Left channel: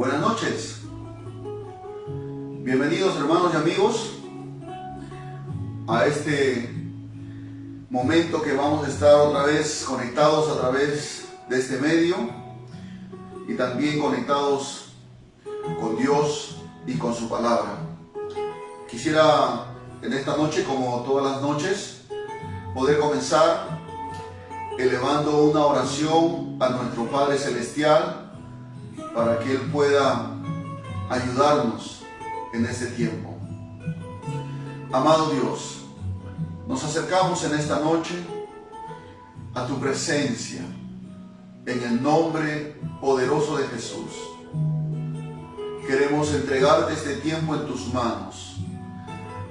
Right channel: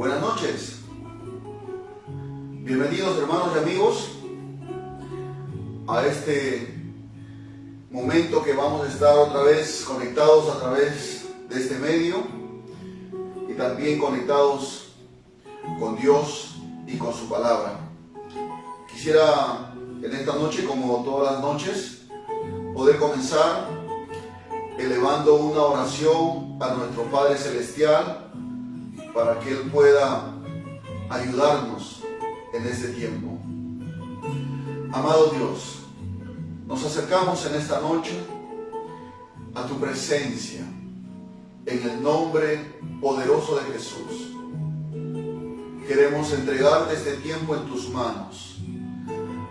Buenas noches. Bienvenidos, hermanos y amigos, a este momento que vamos a estar otra vez conectados a través de este medio y también conectados con Dios y con su palabra. Quisiera en esta noche, como todas las noches, poder comenzar elevando una oración a nuestro Padre Celestial para que Él pueda ayudarnos en este tiempo. Amado Dios, nos acercamos en esta noche a tu presencia en el nombre poderoso de Jesús. Queremos entregarte este tiempo en tus manos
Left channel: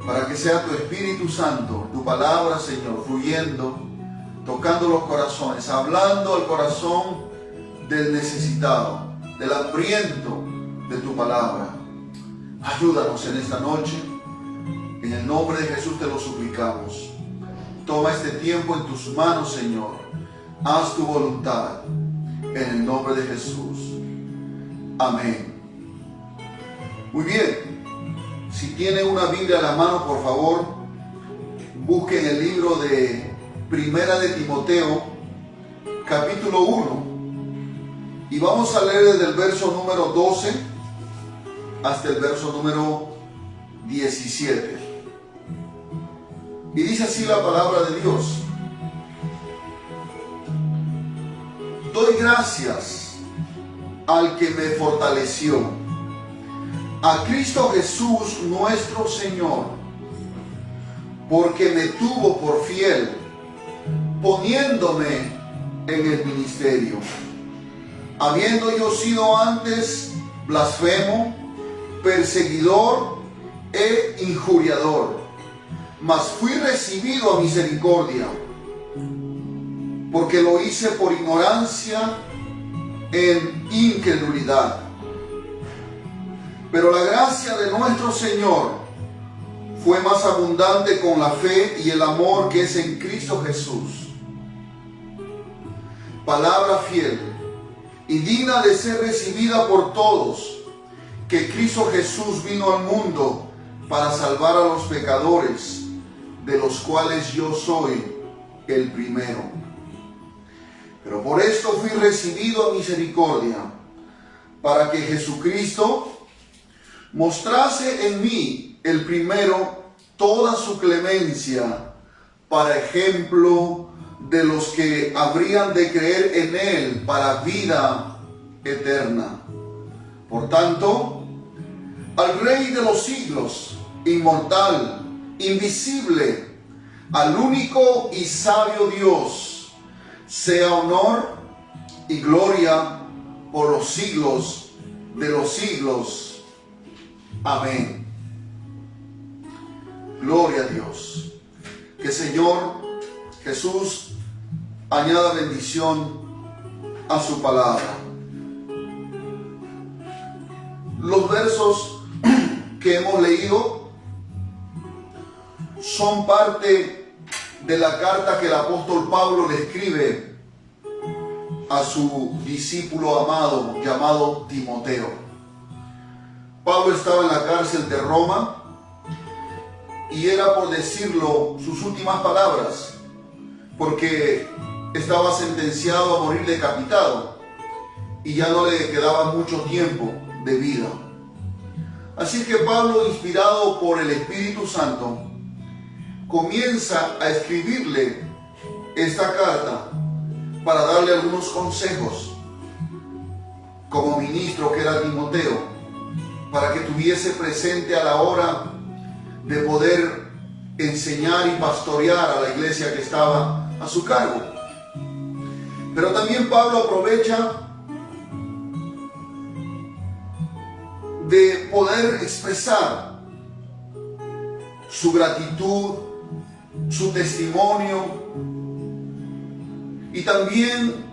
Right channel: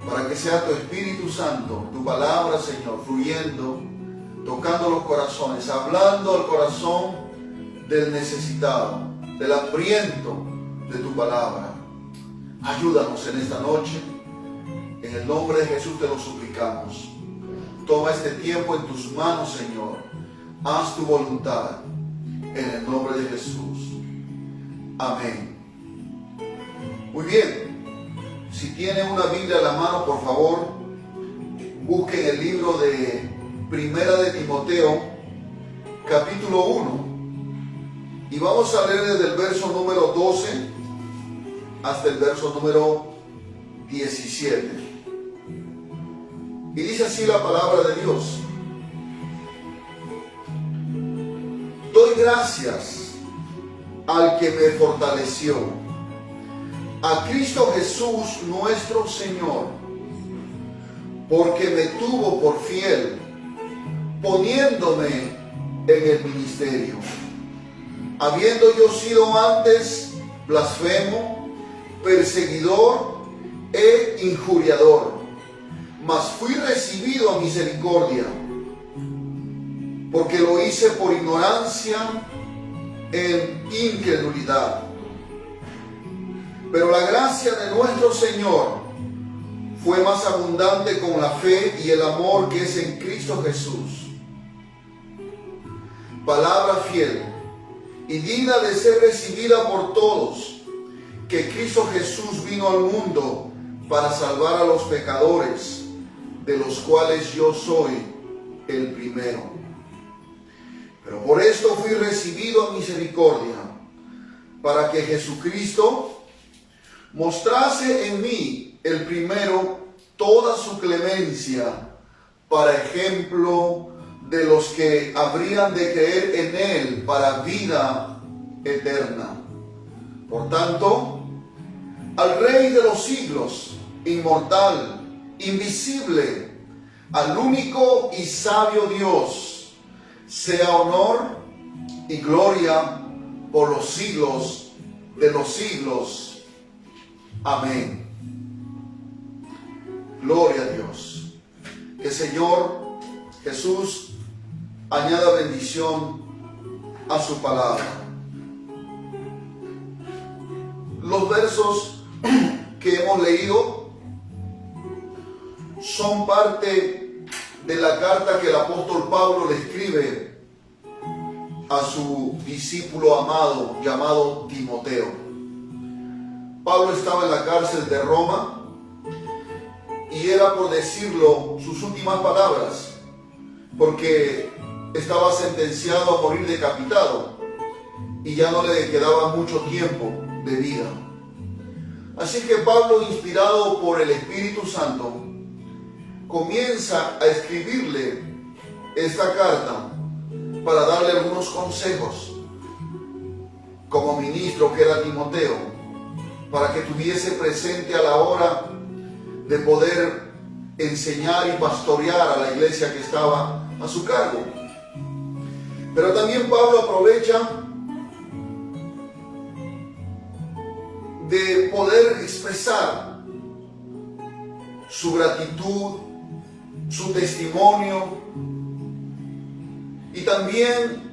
para que sea tu Espíritu Santo, tu palabra, Señor, fluyendo, tocando los corazones, hablando al corazón del necesitado, del hambriento de tu palabra. Ayúdanos en esta noche. En el nombre de Jesús te lo suplicamos. Toma este tiempo en tus manos, Señor. Haz tu voluntad. En el nombre de Jesús. Amén. Muy bien. Si tiene una Biblia a la mano, por favor, busquen el libro de Primera de Timoteo, capítulo 1. Y vamos a leer desde el verso número 12 hasta el verso número 17. Y dice así la palabra de Dios: doy gracias al que me fortaleció, a Cristo Jesús nuestro Señor, porque me tuvo por fiel, poniéndome en el ministerio. Habiendo yo sido antes blasfemo, perseguidor e injuriador, mas fui recibido a misericordia, porque lo hice por ignorancia en incredulidad. Pero la gracia de nuestro Señor fue más abundante con la fe y el amor que es en Cristo Jesús. Palabra fiel y digna de ser recibida por todos, que Cristo Jesús vino al mundo para salvar a los pecadores, de los cuales yo soy el primero. Pero por esto fui recibido a misericordia, para que Jesucristo mostrase en mí el primero toda su clemencia, para ejemplo de los que habrían de creer en Él para vida eterna. Por tanto, al Rey de los siglos, inmortal, invisible, al único y sabio Dios, sea honor y gloria por los siglos de los siglos. Amén. Gloria a Dios. Que Señor Jesús añada bendición a su palabra. Los versos que hemos leído son parte de la carta que el apóstol Pablo le escribe a su discípulo amado llamado Timoteo. Pablo estaba en la cárcel de Roma y era, por decirlo, sus últimas palabras, porque estaba sentenciado a morir decapitado y ya no le quedaba mucho tiempo de vida. Así que Pablo, inspirado por el Espíritu Santo, comienza a escribirle esta carta para darle algunos consejos como ministro que era Timoteo, para que tuviese presente a la hora de poder enseñar y pastorear a la iglesia que estaba a su cargo. Pero también Pablo aprovecha de poder expresar su gratitud, su testimonio y también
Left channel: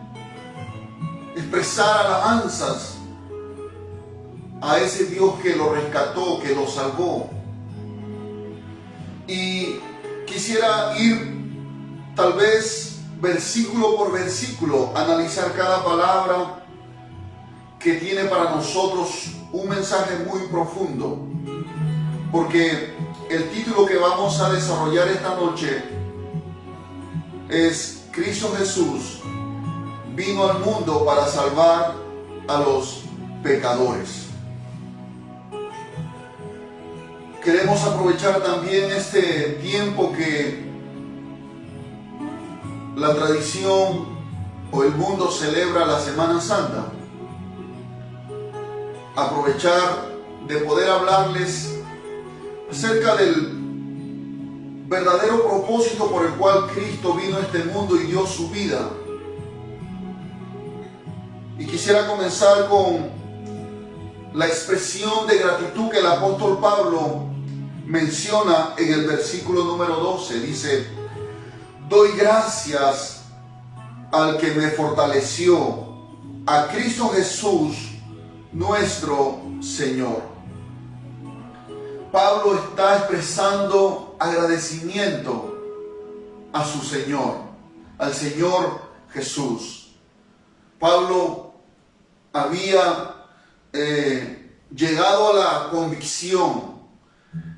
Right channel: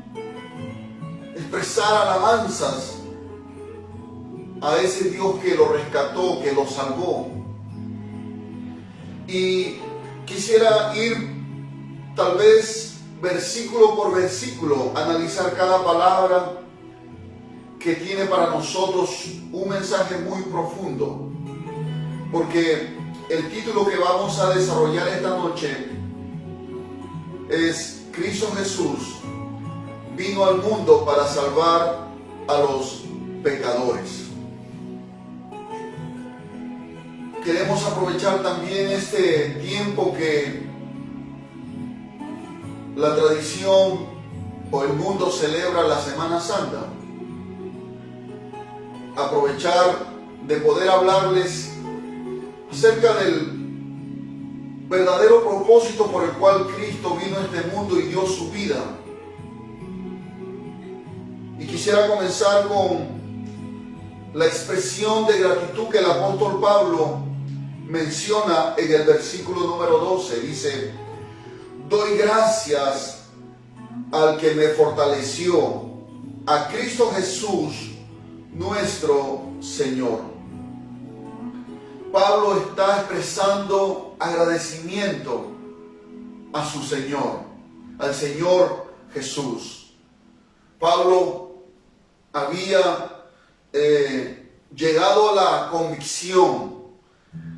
expresar alabanzas a ese Dios que lo rescató, que lo salvó. Y quisiera ir tal vez versículo por versículo, analizar cada palabra que tiene para nosotros un mensaje muy profundo, porque el título que vamos a desarrollar esta noche es Cristo Jesús vino al mundo para salvar a los pecadores. Queremos aprovechar también este tiempo que la tradición o el mundo celebra la Semana Santa. Aprovechar de poder hablarles acerca del verdadero propósito por el cual Cristo vino a este mundo y dio su vida. Y quisiera comenzar con la expresión de gratitud que el apóstol Pablo menciona en el versículo número 12. Dice: doy gracias al que me fortaleció, a Cristo Jesús, nuestro Señor. Pablo está expresando agradecimiento a su Señor, al Señor Jesús. Pablo había llegado a la convicción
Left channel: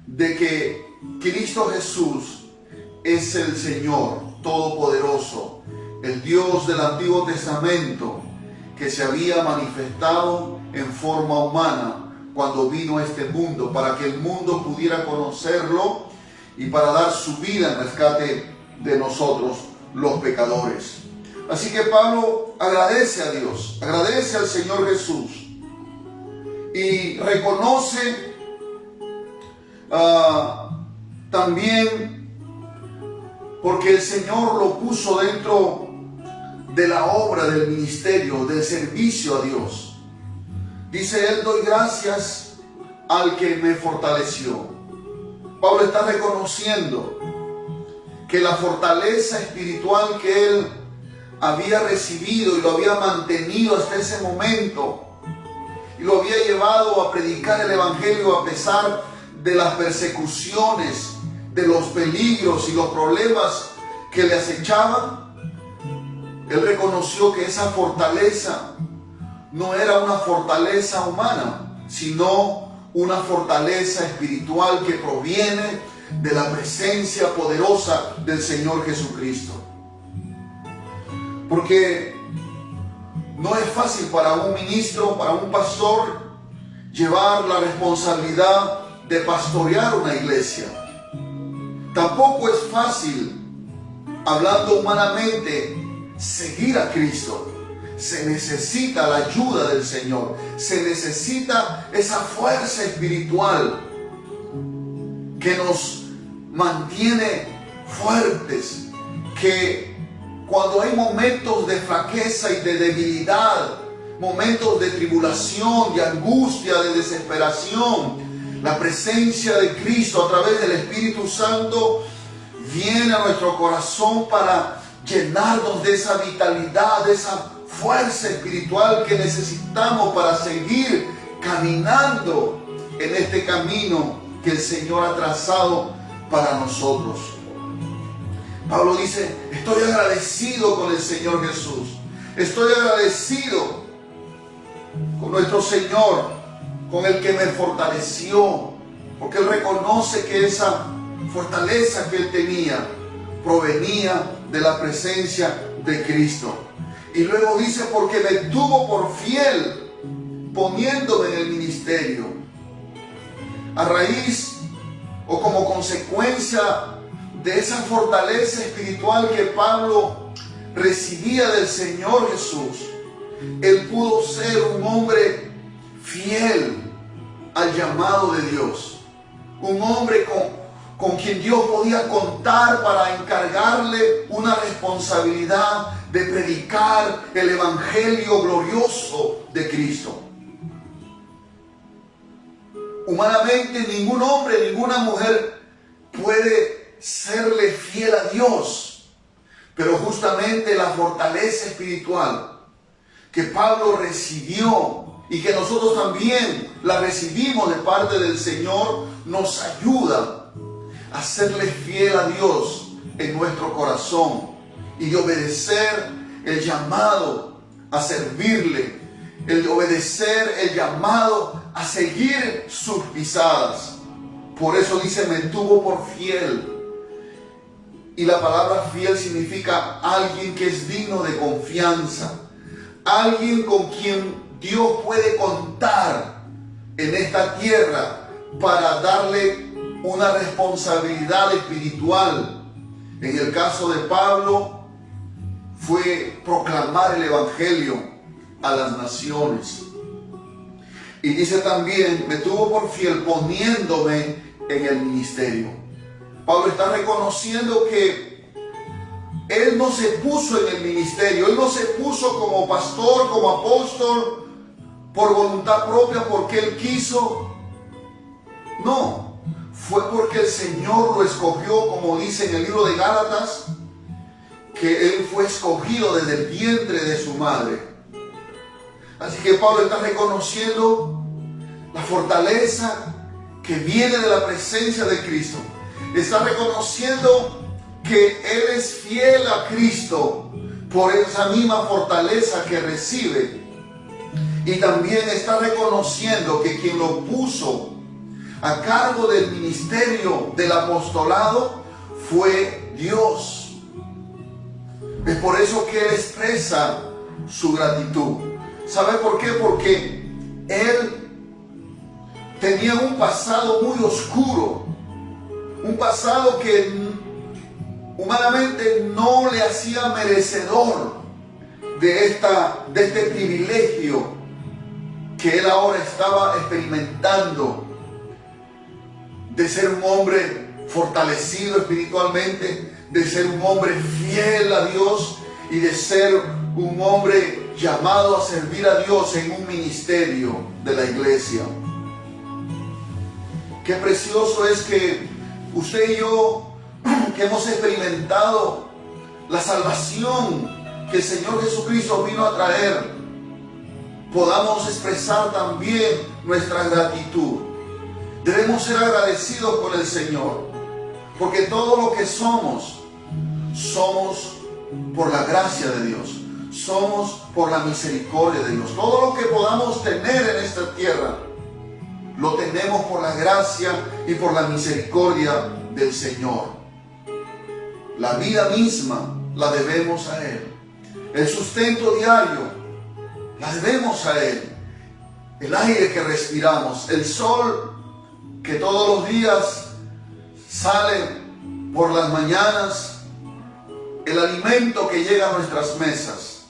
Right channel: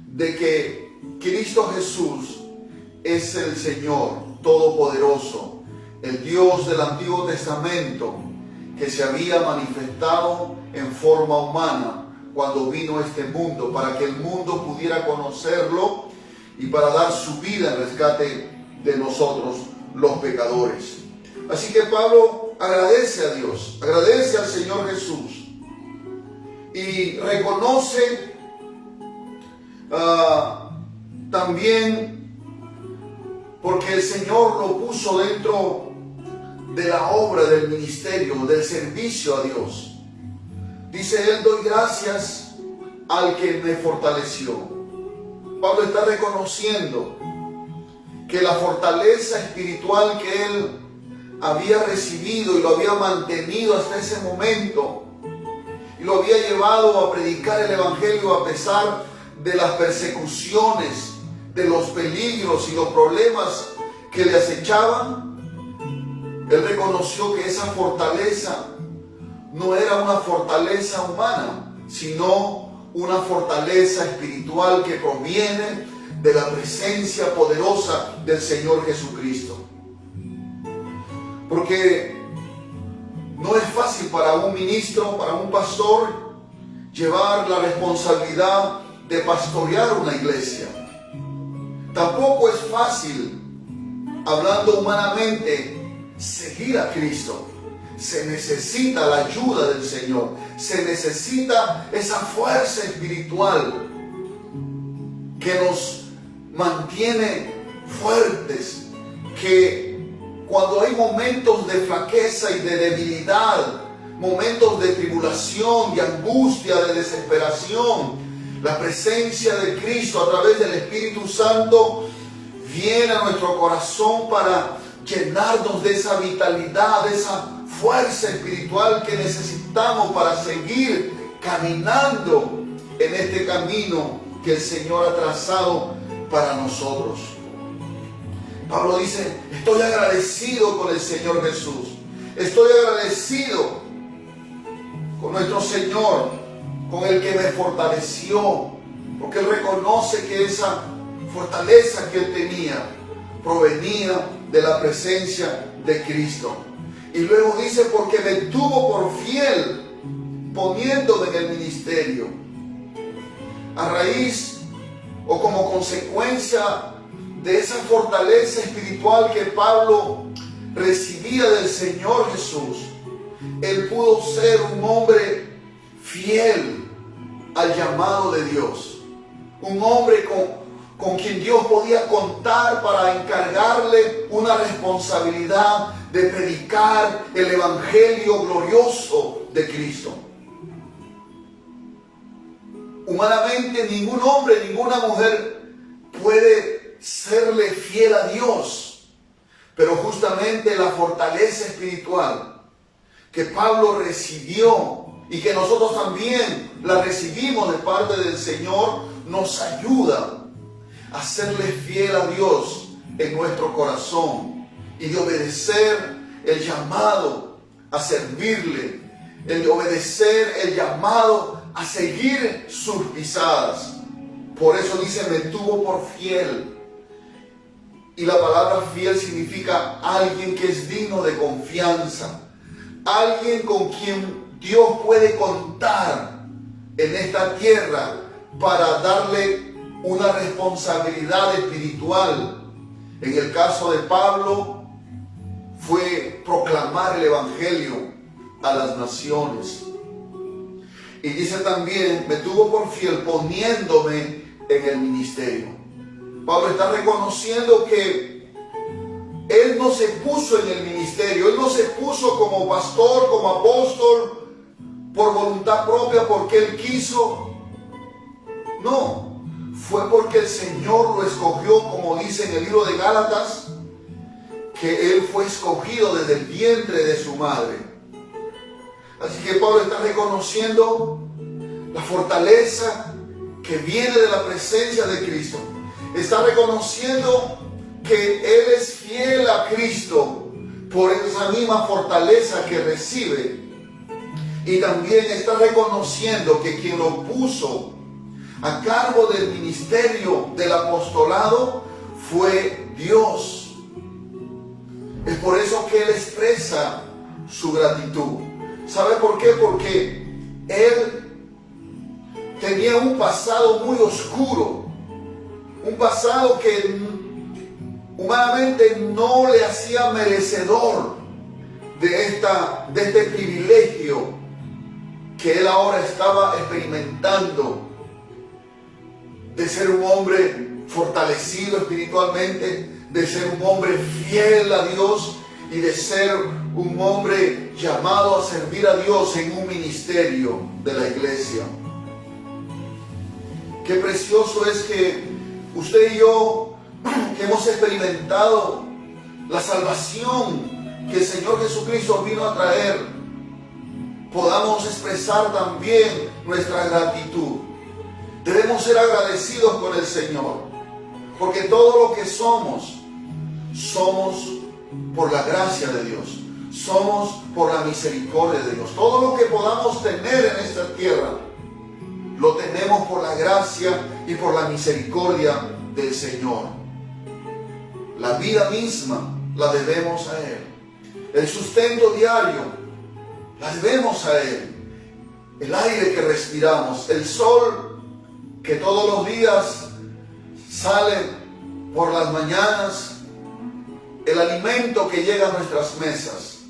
de que Cristo Jesús es el Señor Todopoderoso, el Dios del Antiguo Testamento, que se había manifestado en forma humana cuando vino a este mundo, para que el mundo pudiera conocerlo y para dar su vida en rescate de nosotros, los pecadores. Así que Pablo agradece a Dios, agradece al Señor Jesús y reconoce también porque el Señor lo puso dentro de la obra del ministerio, del servicio a Dios. Dice él: doy gracias al que me fortaleció. Pablo está reconociendo que la fortaleza espiritual que él había recibido y lo había mantenido hasta ese momento y lo había llevado a predicar el evangelio a pesar de las persecuciones, de los peligros y los problemas que le acechaban. Él reconoció que esa fortaleza no era una fortaleza humana, sino una fortaleza espiritual que proviene de la presencia poderosa del Señor Jesucristo. Porque no es fácil para un ministro, para un pastor, llevar la responsabilidad de pastorear una iglesia. Tampoco es fácil, hablando humanamente, seguir a Cristo. Se necesita la ayuda del Señor, se necesita esa fuerza espiritual que nos mantiene fuertes, que cuando hay momentos de flaqueza y de debilidad, momentos de tribulación, de angustia, de desesperación, la presencia de Cristo a través del Espíritu Santo viene a nuestro corazón para llenarnos de esa vitalidad, de esa fuerza espiritual que necesitamos para seguir caminando en este camino que el Señor ha trazado para nosotros. Pablo dice: estoy agradecido con el Señor Jesús, estoy agradecido con nuestro Señor, con el que me fortaleció, porque él reconoce que esa fortaleza que él tenía provenía de la presencia de Cristo. Y luego dice: porque me tuvo por fiel, poniéndome en el ministerio. A raíz o como consecuencia de esa fortaleza espiritual que Pablo recibía del Señor Jesús, él pudo ser un hombre fiel al llamado de Dios, un hombre con quien Dios podía contar para encargarle una responsabilidad de predicar el evangelio glorioso de Cristo. Humanamente, ningún hombre, ninguna mujer puede serle fiel a Dios, pero justamente la fortaleza espiritual que Pablo recibió y que nosotros también la recibimos de parte del Señor, nos ayuda a serle fiel a Dios en nuestro corazón y de obedecer el llamado a servirle el obedecer, el llamado a seguir sus pisadas. Por eso dice, me tuvo por fiel. Y la palabra fiel significa alguien que es digno de confianza, alguien con quien Dios puede contar en esta tierra para darle una responsabilidad espiritual. En el caso de Pablo fue proclamar el evangelio a las naciones. Y dice también, me tuvo por fiel poniéndome en el ministerio. Pablo está reconociendo que él no se puso en el ministerio, él no se puso como pastor, como apóstol, por voluntad propia, porque él quiso. No, fue porque el Señor lo escogió, como dice en el libro de Gálatas, que él fue escogido desde el vientre de su madre. Así que Pablo está reconociendo la fortaleza que viene de la presencia de Cristo. Está reconociendo que él es fiel a Cristo por esa misma fortaleza que recibe. Y también está reconociendo que quien lo puso a cargo del ministerio del apostolado fue Dios. Es por eso que él expresa su gratitud. ¿Sabe por qué? Porque él tenía un pasado muy oscuro, un pasado que humanamente no le hacía merecedor de este privilegio que él ahora estaba experimentando, de ser un hombre fortalecido espiritualmente, de ser un hombre fiel a Dios y de ser un hombre llamado a servir a Dios en un ministerio de la iglesia. Qué precioso es que usted y yo, que hemos experimentado la salvación que el Señor Jesucristo vino a traer, podamos expresar también nuestra gratitud. Debemos ser agradecidos con el Señor, porque todo lo que somos por la gracia de Dios, somos por la misericordia de Dios. Todo lo que podamos tener en esta tierra, lo tenemos por la gracia y por la misericordia del Señor. La vida misma la debemos a Él. El sustento diario la debemos a Él. El aire que respiramos, el sol que todos los días sale por las mañanas, el alimento que llega a nuestras mesas,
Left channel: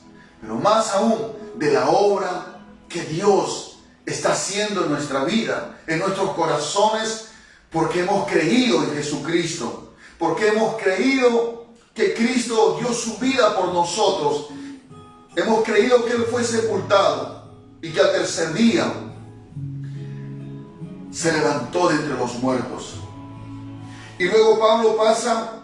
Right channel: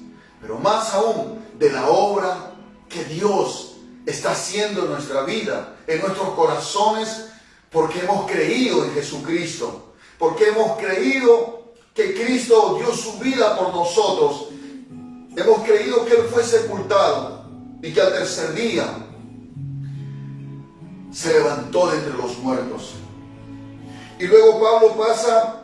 pero más aún de la obra que Dios está haciendo en nuestra vida, en nuestros corazones, porque hemos creído en Jesucristo, porque hemos creído que Cristo dio su vida por nosotros, hemos creído que Él fue sepultado y que al tercer día se levantó de entre los muertos. Y luego Pablo pasa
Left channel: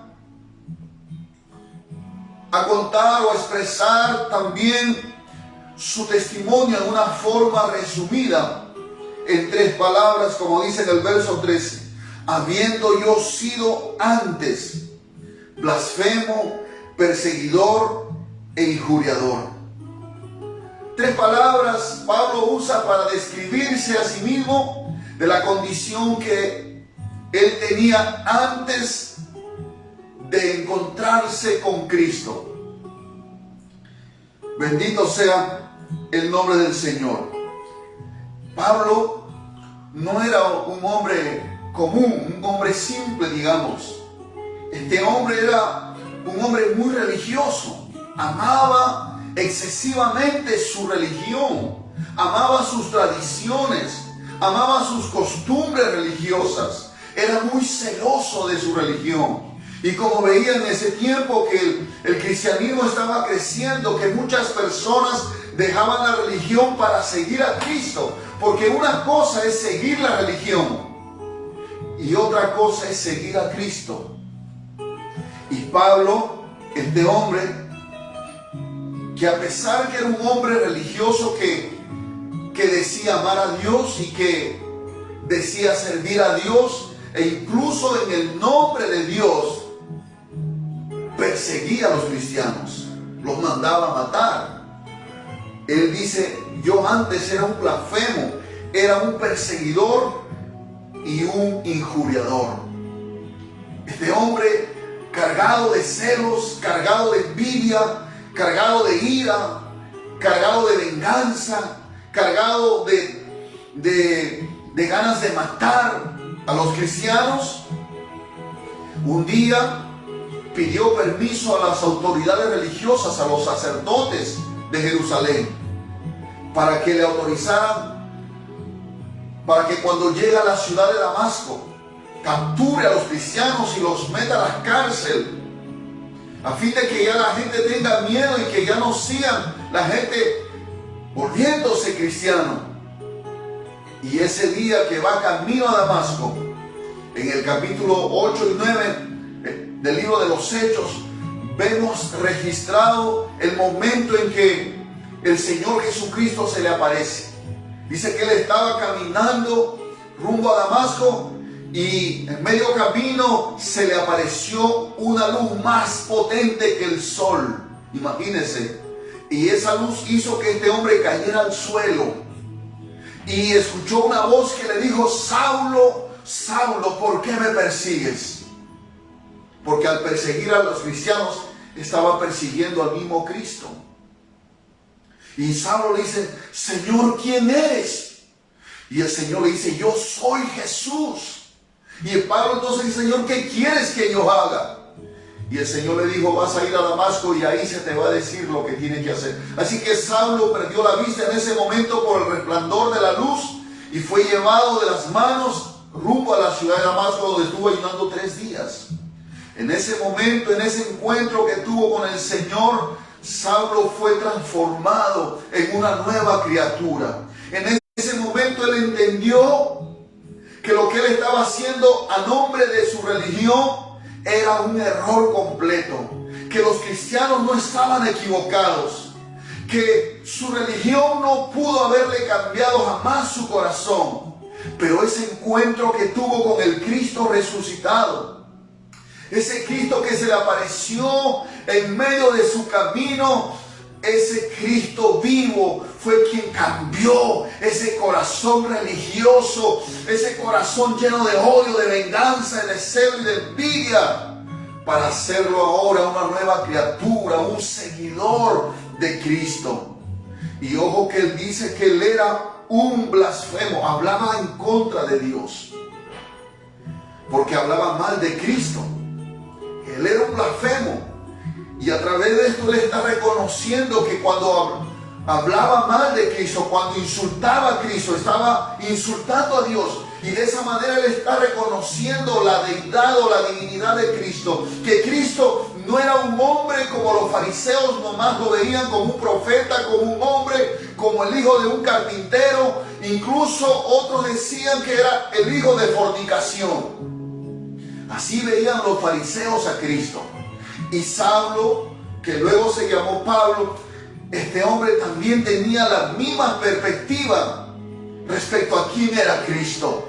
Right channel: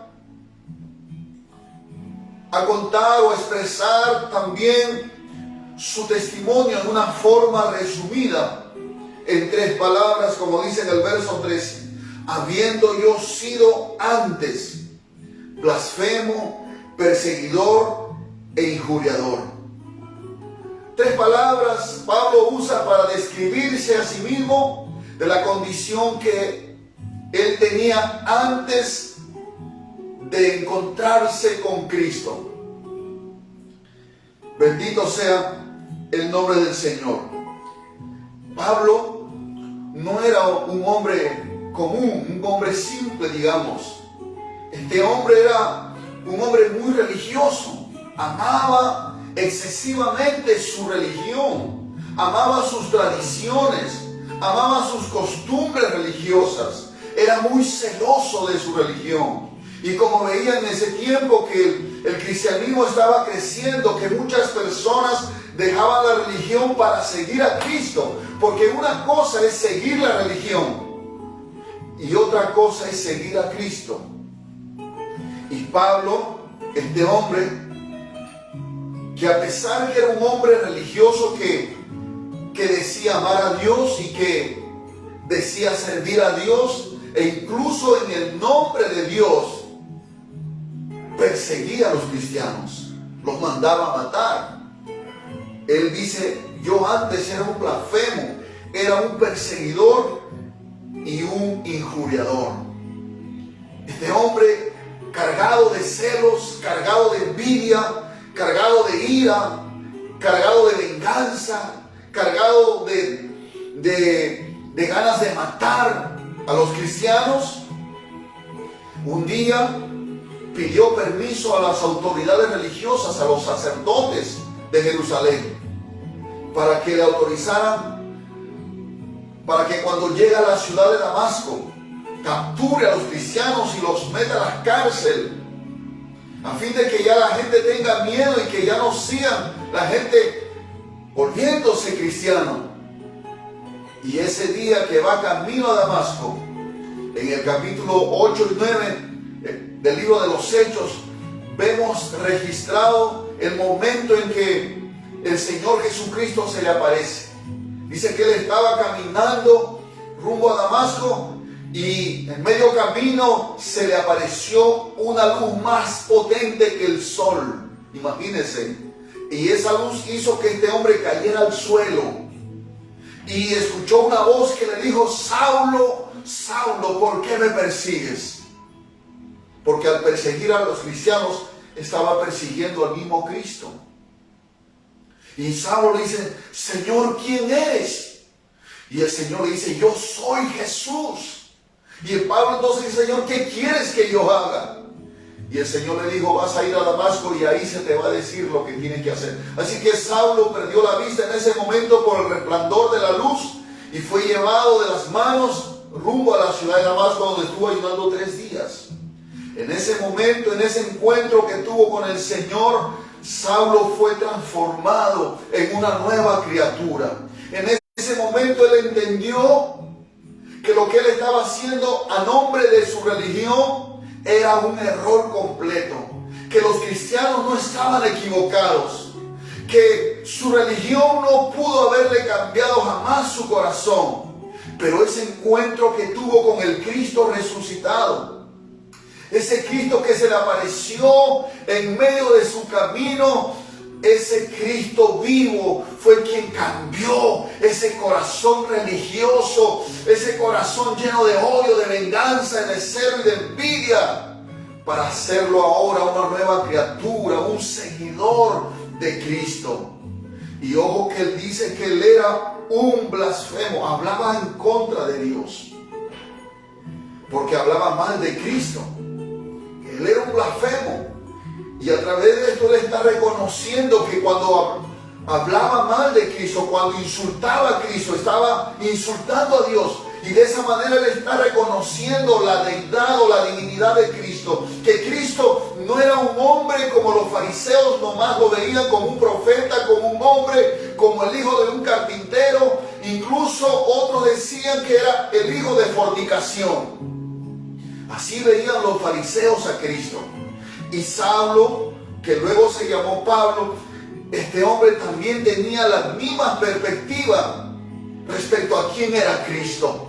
a contar o a expresar también su testimonio en una forma resumida en 3 palabras, como dice en el verso 13: habiendo yo sido antes blasfemo, perseguidor e injuriador. 3 palabras Pablo usa para describirse a sí mismo de la condición que él tenía antes de encontrarse con Cristo. Bendito sea el nombre del Señor. Pablo no era un hombre común, un hombre simple, digamos. Este hombre era un hombre muy religioso. Amaba excesivamente su religión, amaba sus tradiciones, amaba sus costumbres religiosas. Era muy celoso de su religión. Y como veía en ese tiempo que el cristianismo estaba creciendo, que muchas personas dejaban la religión para seguir a Cristo, porque una cosa es seguir la religión y otra cosa es seguir a Cristo. Y Pablo, este hombre, que a pesar que era un hombre religioso que decía amar a Dios y que decía servir a Dios, e incluso en el nombre de Dios perseguía a los cristianos, los mandaba a matar. Él dice, yo antes era un blasfemo, era un perseguidor y un injuriador. Este hombre cargado de celos, cargado de envidia, cargado de ira, cargado de venganza, cargado de ganas de matar a los cristianos, un día pidió permiso a las autoridades religiosas, a los sacerdotes de Jerusalén, para que le autorizaran, para que cuando llegue a la ciudad de Damasco, capture a los cristianos y los meta a la cárcel, a fin de que ya la gente tenga miedo y que ya no sigan la gente volviéndose cristiano. Y ese día que va camino a Damasco, en el capítulo 8 y 9 del libro de los Hechos, vemos registrado el momento en que el Señor Jesucristo se le aparece. Dice que él estaba caminando rumbo a Damasco y en medio camino se le apareció una luz más potente que el sol. Imagínense. Y esa luz hizo que este hombre cayera al suelo. Y escuchó una voz que le dijo, Saulo, Saulo, ¿por qué me persigues? Porque al perseguir a los cristianos estaba persiguiendo al mismo Cristo. Y Saulo le dice, Señor, ¿quién eres? Y el Señor le dice, yo soy Jesús. Y el Pablo entonces dice, Señor, ¿qué quieres que yo haga? Y el Señor le dijo, vas a ir a Damasco y ahí se te va a decir lo que tienes que hacer. Así que Saulo perdió la vista en ese momento por el resplandor de la luz y fue llevado de las manos rumbo a la ciudad de Damasco, donde estuvo ayunando 3 días. En ese momento, en ese encuentro que tuvo con el Señor, Saulo fue transformado en una nueva criatura. En ese momento él entendió que lo que él estaba haciendo a nombre de su religión era un error completo, que los cristianos no estaban equivocados, que su religión no pudo haberle cambiado jamás su corazón, pero ese encuentro que tuvo con el Cristo resucitado, ese Cristo que se le apareció en medio de su camino, ese Cristo vivo fue quien cambió ese corazón religioso, ese corazón lleno de odio, de venganza, de celo y de envidia, para hacerlo ahora una nueva criatura, un seguidor de Cristo. Y ojo que él dice que él era un blasfemo, hablaba en contra de Dios, porque hablaba mal de Cristo. Él era un blasfemo. Y a través de esto él está reconociendo que cuando hablaba mal de Cristo, cuando insultaba a Cristo, estaba insultando a Dios. Y de esa manera él está reconociendo la deidad o la divinidad de Cristo. Que Cristo no era un hombre como los fariseos nomás lo veían, como un profeta, como un hombre, como el hijo de un carpintero. Incluso otros decían que era el hijo de fornicación. Así veían los fariseos a Cristo. Y Saulo, que luego se llamó Pablo, este hombre también tenía la misma perspectiva respecto a quién era Cristo.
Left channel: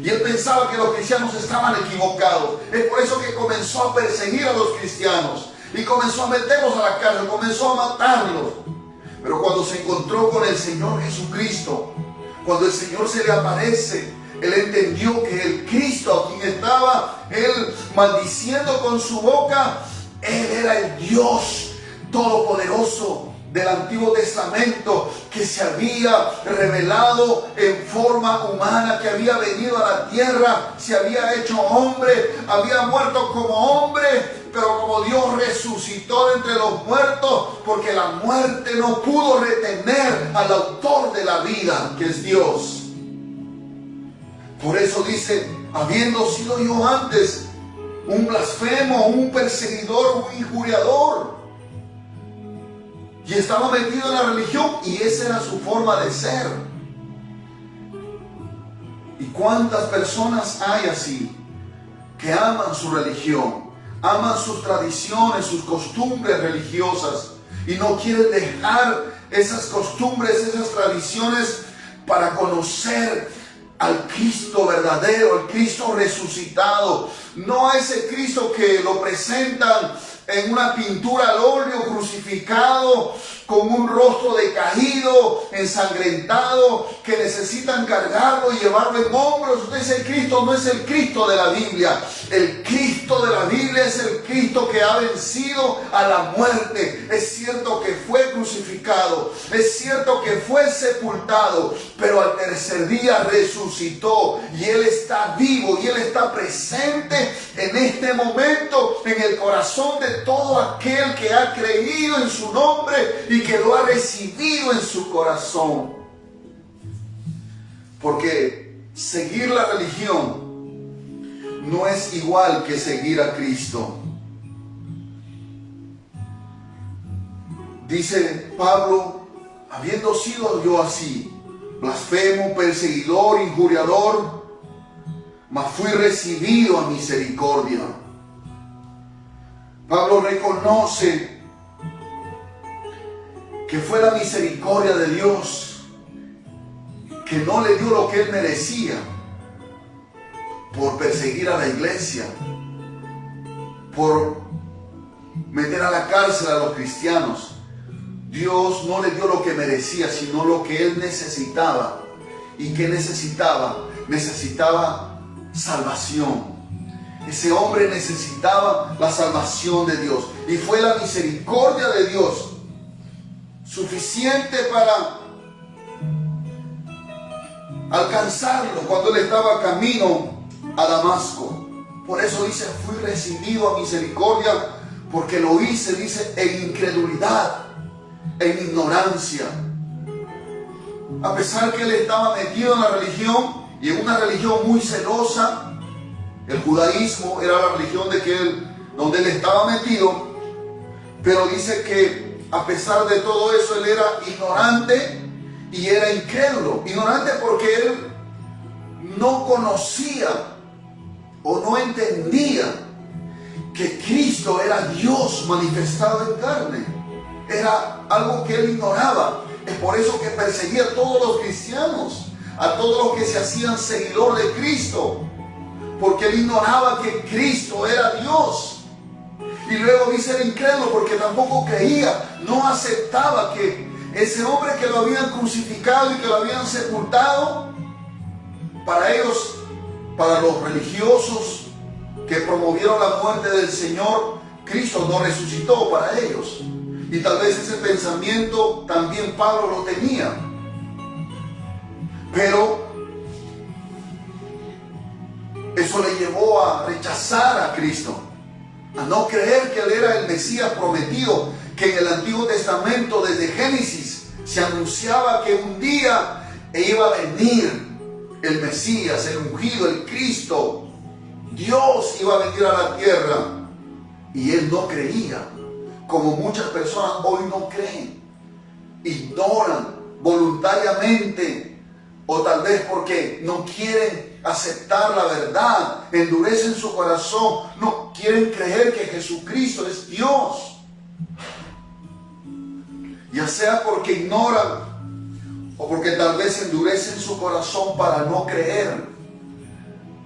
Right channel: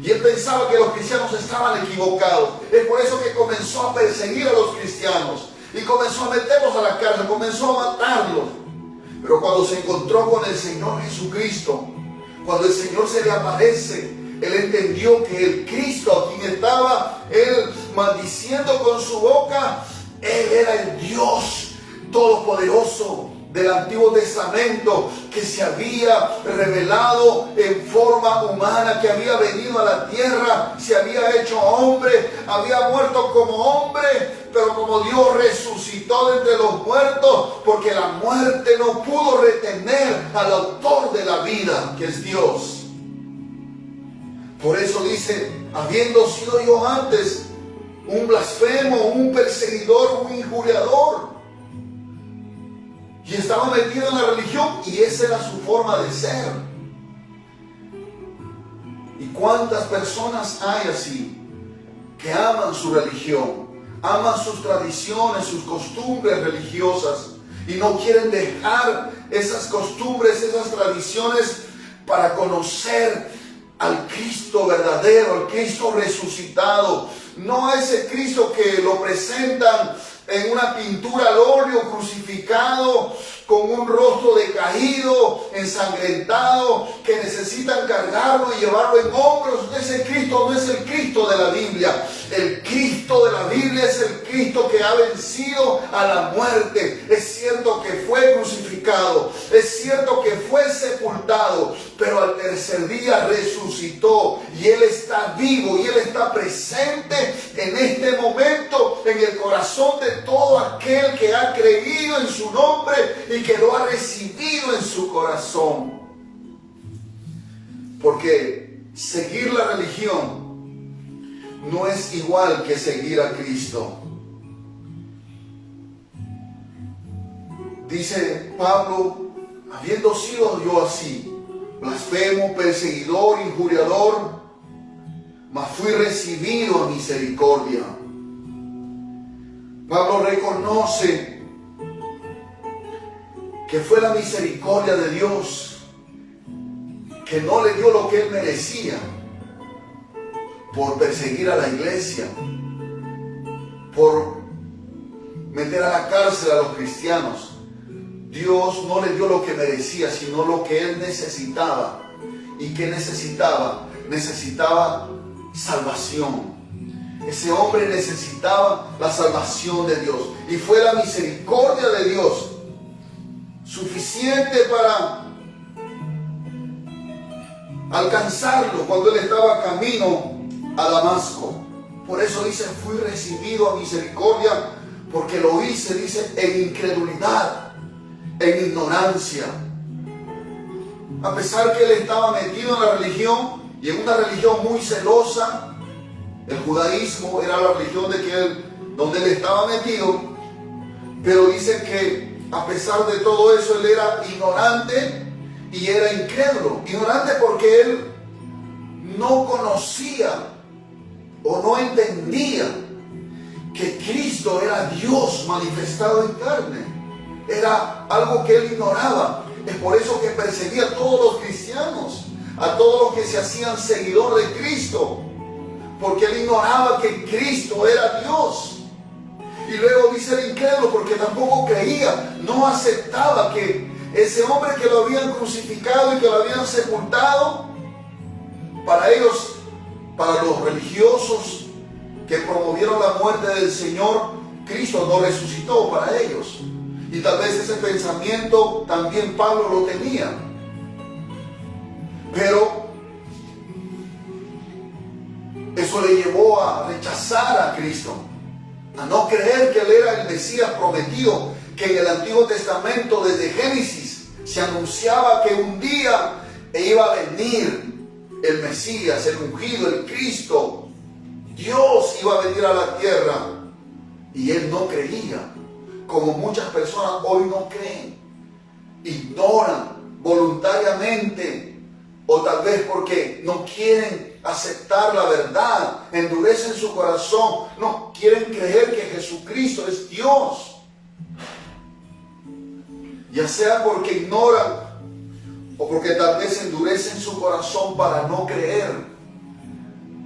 Y él pensaba que los cristianos estaban equivocados. Es por eso que comenzó a perseguir a los cristianos y comenzó a meterlos a la cárcel, comenzó a matarlos. Pero cuando se encontró con el Señor Jesucristo, cuando el Señor se le aparece, él entendió que el Cristo a quien estaba él maldiciendo con su boca, él era el Dios todopoderoso del Antiguo Testamento, que se había revelado en forma humana, que había venido a la tierra, se había hecho hombre, había muerto como hombre, pero como Dios resucitó de entre los muertos, porque la muerte no pudo retener al autor de la vida, que es Dios. Por eso dice, habiendo sido yo antes un blasfemo, un perseguidor, un injuriador, y estaba metido en la religión, y esa era su forma de ser. ¿Y cuántas personas hay así, que aman su religión, aman sus tradiciones, sus costumbres religiosas, y no quieren dejar esas costumbres, esas tradiciones, para conocer al Cristo verdadero, al Cristo resucitado? No a ese Cristo que lo presentan en una pintura al óleo, crucificado, con un rostro decaído, ensangrentado, que necesitan cargarlo y llevarlo en hombros. Ese Cristo no es el Cristo de la Biblia. El Cristo de la Biblia es el Cristo que ha vencido a la muerte. Es cierto que fue crucificado, es cierto que fue sepultado, pero al tercer día resucitó y Él está vivo y Él está presente en este momento en el corazón de todo aquel que ha creído en su nombre y que lo ha recibido en su corazón. Porque seguir la religión no es igual que seguir a Cristo. Dice Pablo, habiendo sido yo así, blasfemo, perseguidor, injuriador, mas fui recibido a misericordia. Pablo reconoce que fue la misericordia de Dios que no le dio lo que él merecía por perseguir a la iglesia, por meter a la cárcel a los cristianos. Dios no le dio lo que merecía, sino lo que él necesitaba. ¿Y qué necesitaba? Necesitaba salvación. Ese hombre necesitaba la salvación de Dios. Y fue la misericordia de Dios suficiente para alcanzarlo cuando él estaba camino a Damasco. Por eso dice, fui recibido a misericordia, porque lo hice, dice, en incredulidad, en ignorancia. A pesar que él estaba metido en la religión, y en una religión muy celosa, el judaísmo era la religión donde él estaba metido, pero dice que a pesar de todo eso, él era ignorante y era incrédulo. Ignorante porque él no conocía o no entendía que Cristo era Dios manifestado en carne. Era algo que él ignoraba. Es por eso que perseguía a todos los cristianos, a todos los que se hacían seguidor de Cristo, porque él ignoraba que Cristo era Dios. Y luego dice el incrédulo porque tampoco creía, no aceptaba que ese hombre que lo habían crucificado y que lo habían sepultado, para ellos, para los religiosos que promovieron la muerte del Señor, Cristo no resucitó para ellos. Y tal vez ese pensamiento también Pablo lo tenía. Pero eso le llevó a rechazar a Cristo, a no creer que Él era el Mesías prometido, que en el Antiguo Testamento, desde Génesis, se anunciaba que un día iba a venir el Mesías, el ungido, el Cristo. Dios iba a venir a la tierra y él no creía, como muchas personas hoy no creen, ignoran voluntariamente, o tal vez porque no quieren aceptar la verdad, endurecen su corazón, no quieren creer que Jesucristo es Dios. Ya sea porque ignoran o porque tal vez endurecen su corazón para no creer.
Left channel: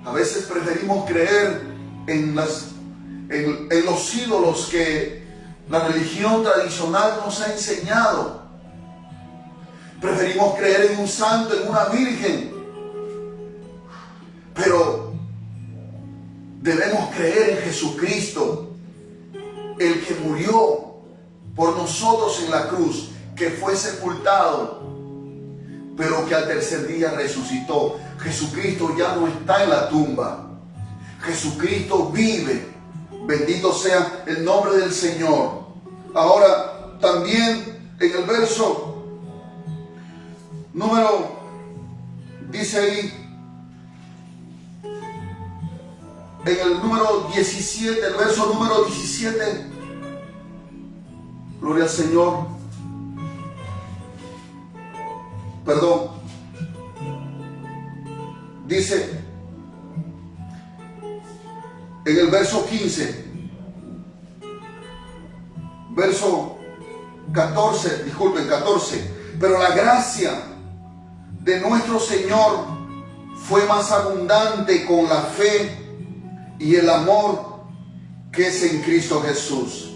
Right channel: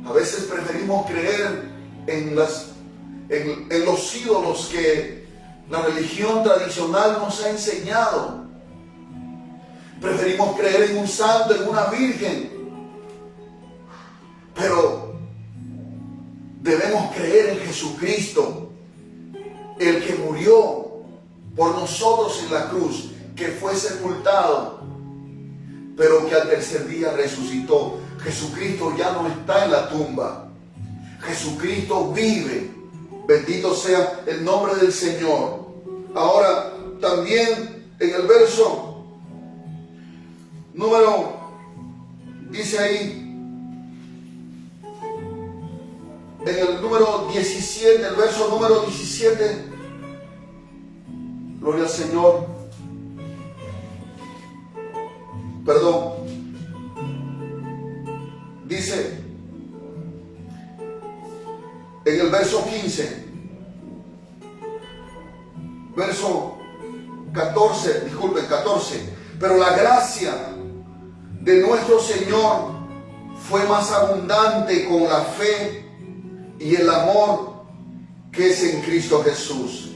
A veces preferimos creer en los ídolos que la religión tradicional nos ha enseñado. Preferimos creer en un santo, en una virgen. Pero debemos creer en Jesucristo, el que murió por nosotros en la cruz, que fue sepultado, pero que al tercer día resucitó. Jesucristo ya no está en la tumba. Jesucristo vive. Bendito sea el nombre del Señor. Ahora, también en el verso dice ahí, en el número 17, el verso número 17, gloria al Señor, perdón, dice, en el verso 15, verso 14, disculpen, 14, pero la gracia de nuestro Señor fue más abundante con la fe y el amor que es en Cristo Jesús.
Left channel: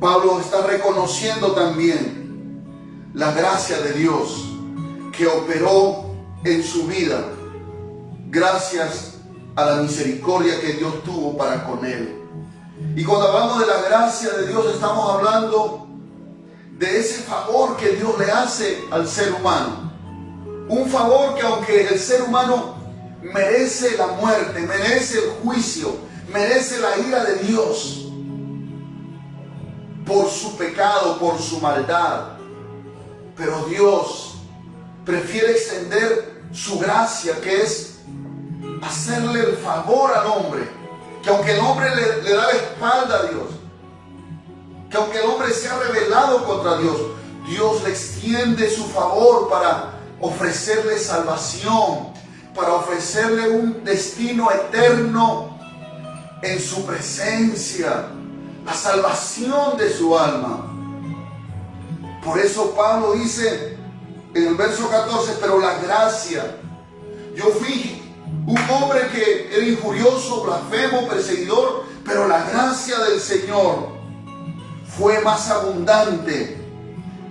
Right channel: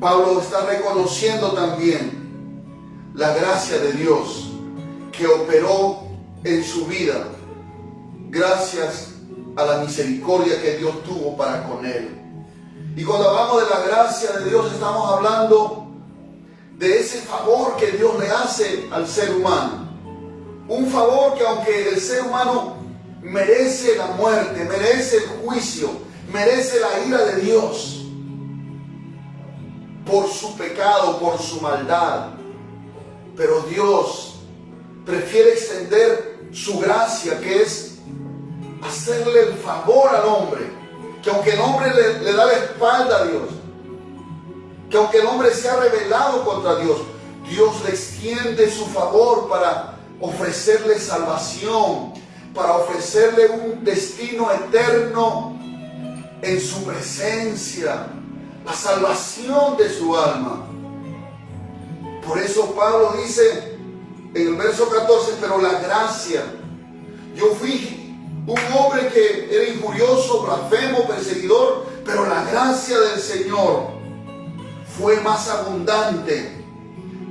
Pablo está reconociendo también la gracia de Dios que operó en su vida gracias a la misericordia que Dios tuvo para con él. Y cuando hablamos de la gracia de Dios, estamos hablando de ese favor que Dios le hace al ser humano. Un favor que, aunque el ser humano merece la muerte, merece el juicio, merece la ira de Dios por su pecado, por su maldad, pero Dios prefiere extender su gracia, que es hacerle el favor al hombre, que aunque el hombre le da la espalda a Dios, que aunque el hombre se ha rebelado contra Dios, Dios le extiende su favor para ofrecerle salvación, para ofrecerle un destino eterno en su presencia, la salvación de su alma. Por eso Pablo dice en el verso 14, pero la gracia, yo fui un hombre que era injurioso, blasfemo, perseguidor, pero la gracia del Señor fue más abundante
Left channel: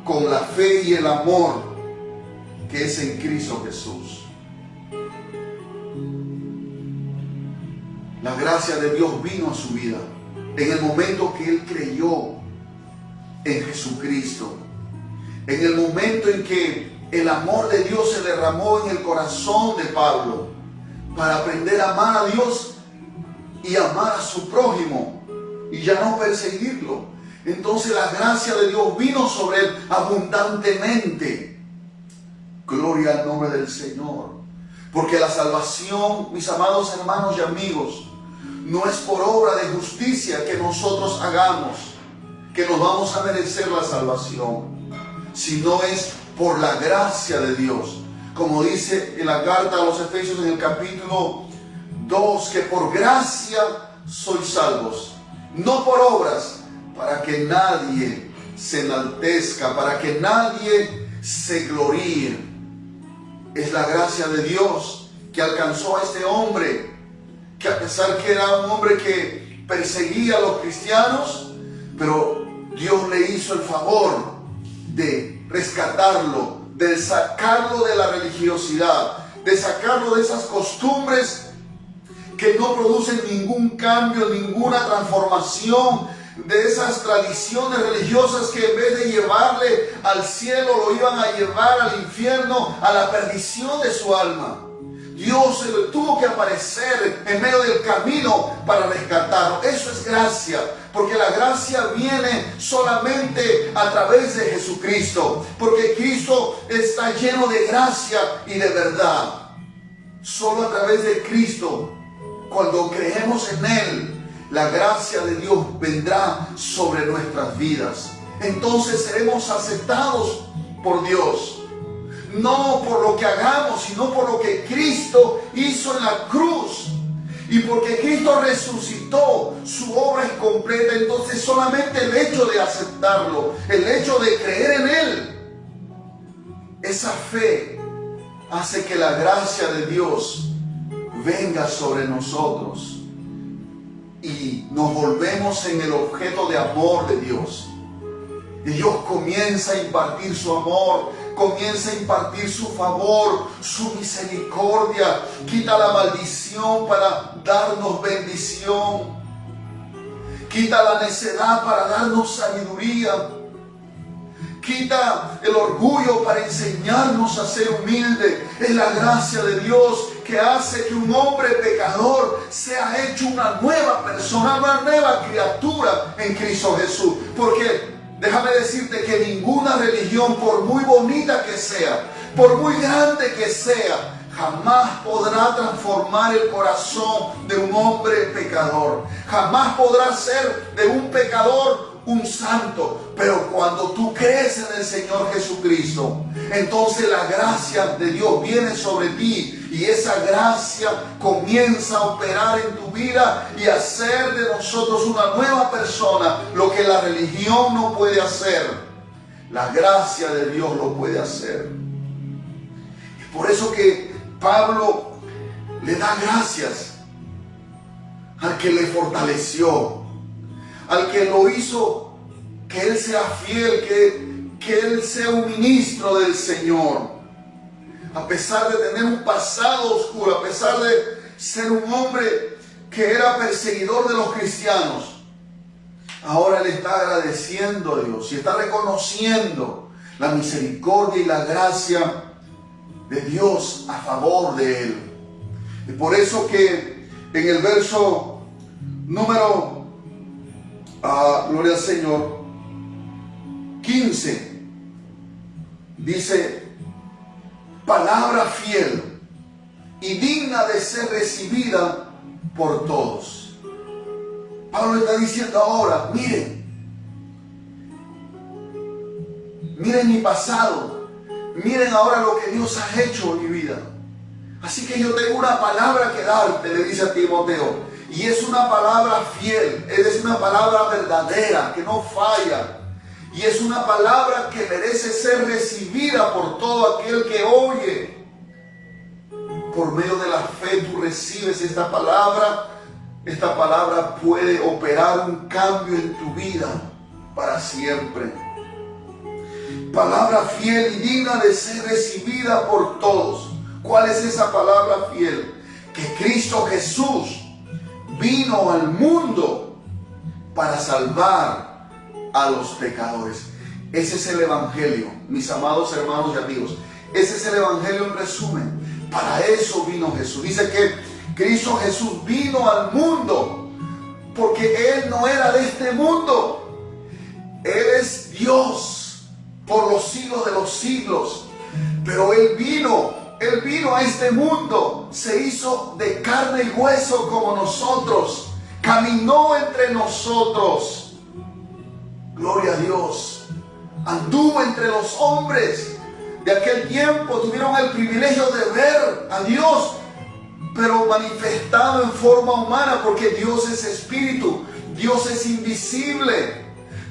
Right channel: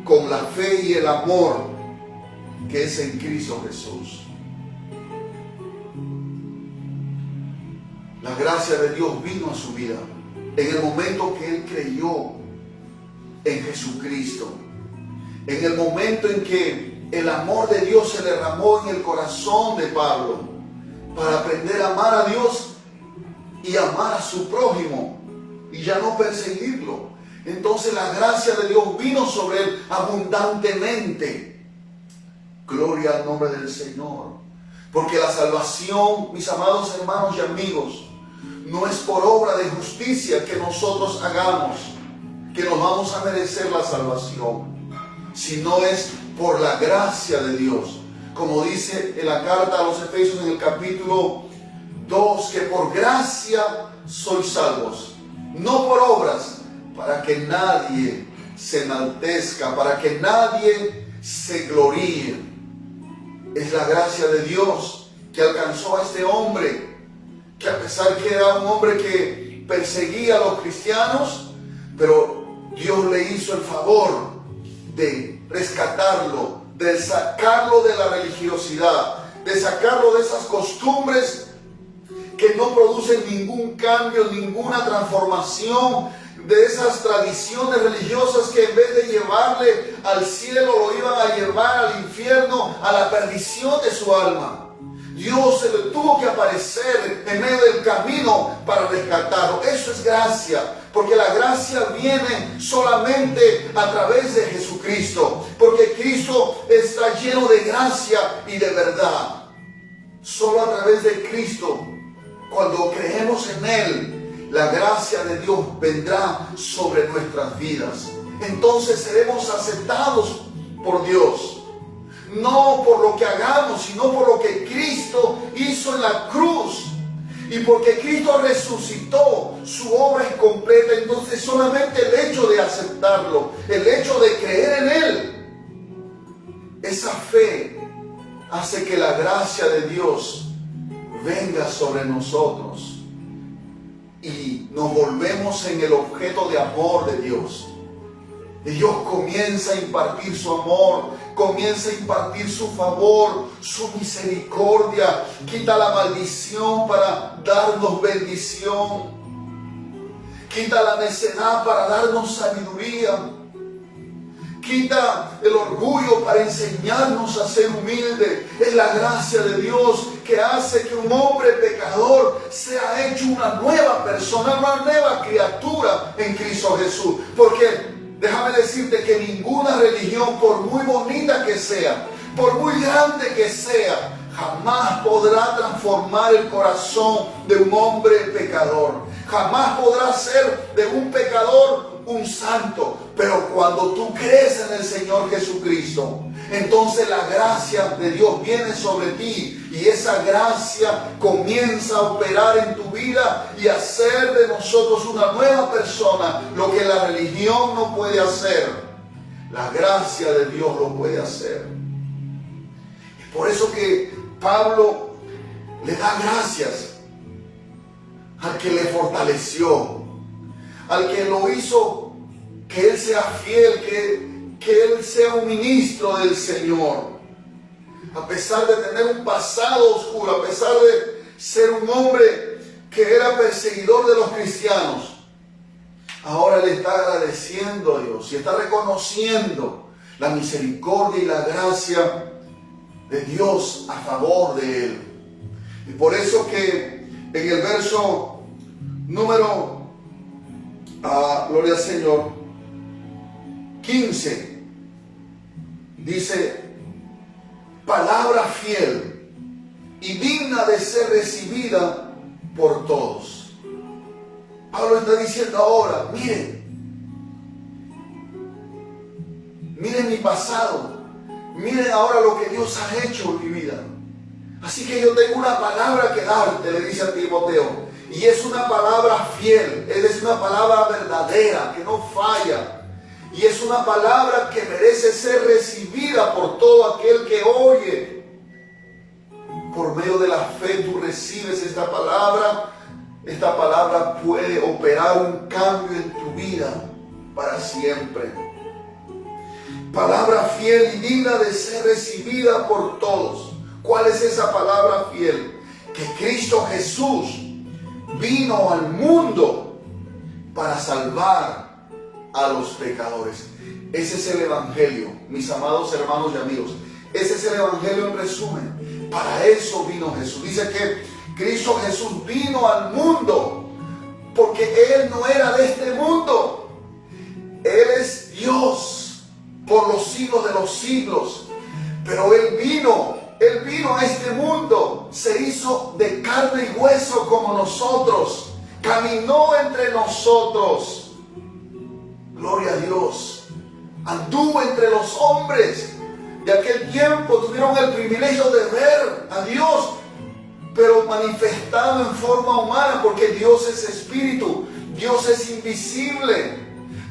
con la fe y el amor que es en Cristo Jesús. La gracia de Dios vino a su vida en el momento que él creyó en Jesucristo, en el momento en que el amor de Dios se derramó en el corazón de Pablo para aprender a amar a Dios y amar a su prójimo y ya no perseguirlo. Entonces la gracia de Dios vino sobre él abundantemente. Gloria al nombre del Señor. Porque la salvación, mis amados hermanos y amigos, no es por obra de justicia que nosotros hagamos, que nos vamos a merecer la salvación, sino es por la gracia de Dios. Como dice en la carta a los Efesios en el capítulo 2, que por gracia sois salvos, no por obras, para que nadie se enaltezca, para que nadie se gloríe. Es la gracia de Dios que alcanzó a este hombre, que a pesar que era un hombre que perseguía a los cristianos, pero Dios le hizo el favor de rescatarlo, de sacarlo de la religiosidad, de sacarlo de esas costumbres que no producen ningún cambio, ninguna transformación, de esas tradiciones religiosas que en vez de llevarle al cielo lo iban a llevar al infierno, a la perdición de su alma. Dios se le tuvo que aparecer en medio del camino para rescatarlo. Eso es gracia, porque la gracia viene solamente a través de Jesucristo, porque Cristo está lleno de gracia y de verdad. Solo a través de Cristo, cuando creemos en Él, la gracia de Dios vendrá sobre nuestras vidas. Entonces seremos aceptados por Dios. No por lo que hagamos, sino por lo que Cristo hizo en la cruz. Y porque Cristo resucitó, su obra es completa. Entonces solamente el hecho de aceptarlo, el hecho de creer en Él, esa fe hace que la gracia de Dios venga sobre nosotros. Y nos volvemos en el objeto de amor de Dios. Y Dios comienza a impartir su amor, comienza a impartir su favor, su misericordia. Quita la maldición para darnos bendición. Quita la necedad para darnos sabiduría. Quita el orgullo para enseñarnos a ser humildes. Es la gracia de Dios que hace que un hombre pecador sea hecho una nueva persona, una nueva criatura en Cristo Jesús. Porque déjame decirte que ninguna religión, por muy bonita que sea, por muy grande que sea, jamás podrá transformar el corazón de un hombre pecador. Jamás podrá ser de un pecador un santo. Pero cuando tú crees en el Señor Jesucristo, entonces la gracia de Dios viene sobre ti, y esa gracia comienza a operar en tu vida y a hacer de nosotros una nueva persona. Lo que la religión no puede hacer, la gracia de Dios lo puede hacer. Y por eso que Pablo le da gracias al que le fortaleció, al que lo hizo que Él sea fiel, que Él sea un ministro del Señor. A pesar de tener un pasado oscuro, a pesar de ser un hombre que era perseguidor de los cristianos, ahora Él está agradeciendo a Dios y está reconociendo la misericordia y la gracia de Dios a favor de Él. Y por eso que en el verso número, gloria al Señor, 15, dice: palabra fiel y digna de ser recibida por todos. Pablo está diciendo ahora: miren mi pasado, miren ahora lo que Dios ha hecho en mi vida. Así que yo tengo una palabra que darte, le dice a Timoteo, y es una palabra fiel, es una palabra verdadera, que no falla, y es una palabra que merece ser recibida por todo aquel que oye. Por medio de la fe tú recibes esta palabra puede operar un cambio en tu vida para siempre. Palabra fiel y digna de ser recibida por todos. ¿Cuál es esa palabra fiel? Que Cristo Jesús vino al mundo para salvar a los pecadores. Ese es el Evangelio, mis amados hermanos y amigos. Ese es el Evangelio en resumen. Para eso vino Jesús. Dice que Cristo Jesús vino al mundo porque Él no era de este mundo. Él es Dios por los siglos de los siglos. Pero Él vino a este mundo, se hizo de carne y hueso como nosotros, caminó entre nosotros. Gloria a Dios. Anduvo entre los hombres de aquel tiempo, tuvieron el privilegio de ver a Dios, pero manifestado en forma humana, porque Dios es espíritu, Dios es invisible,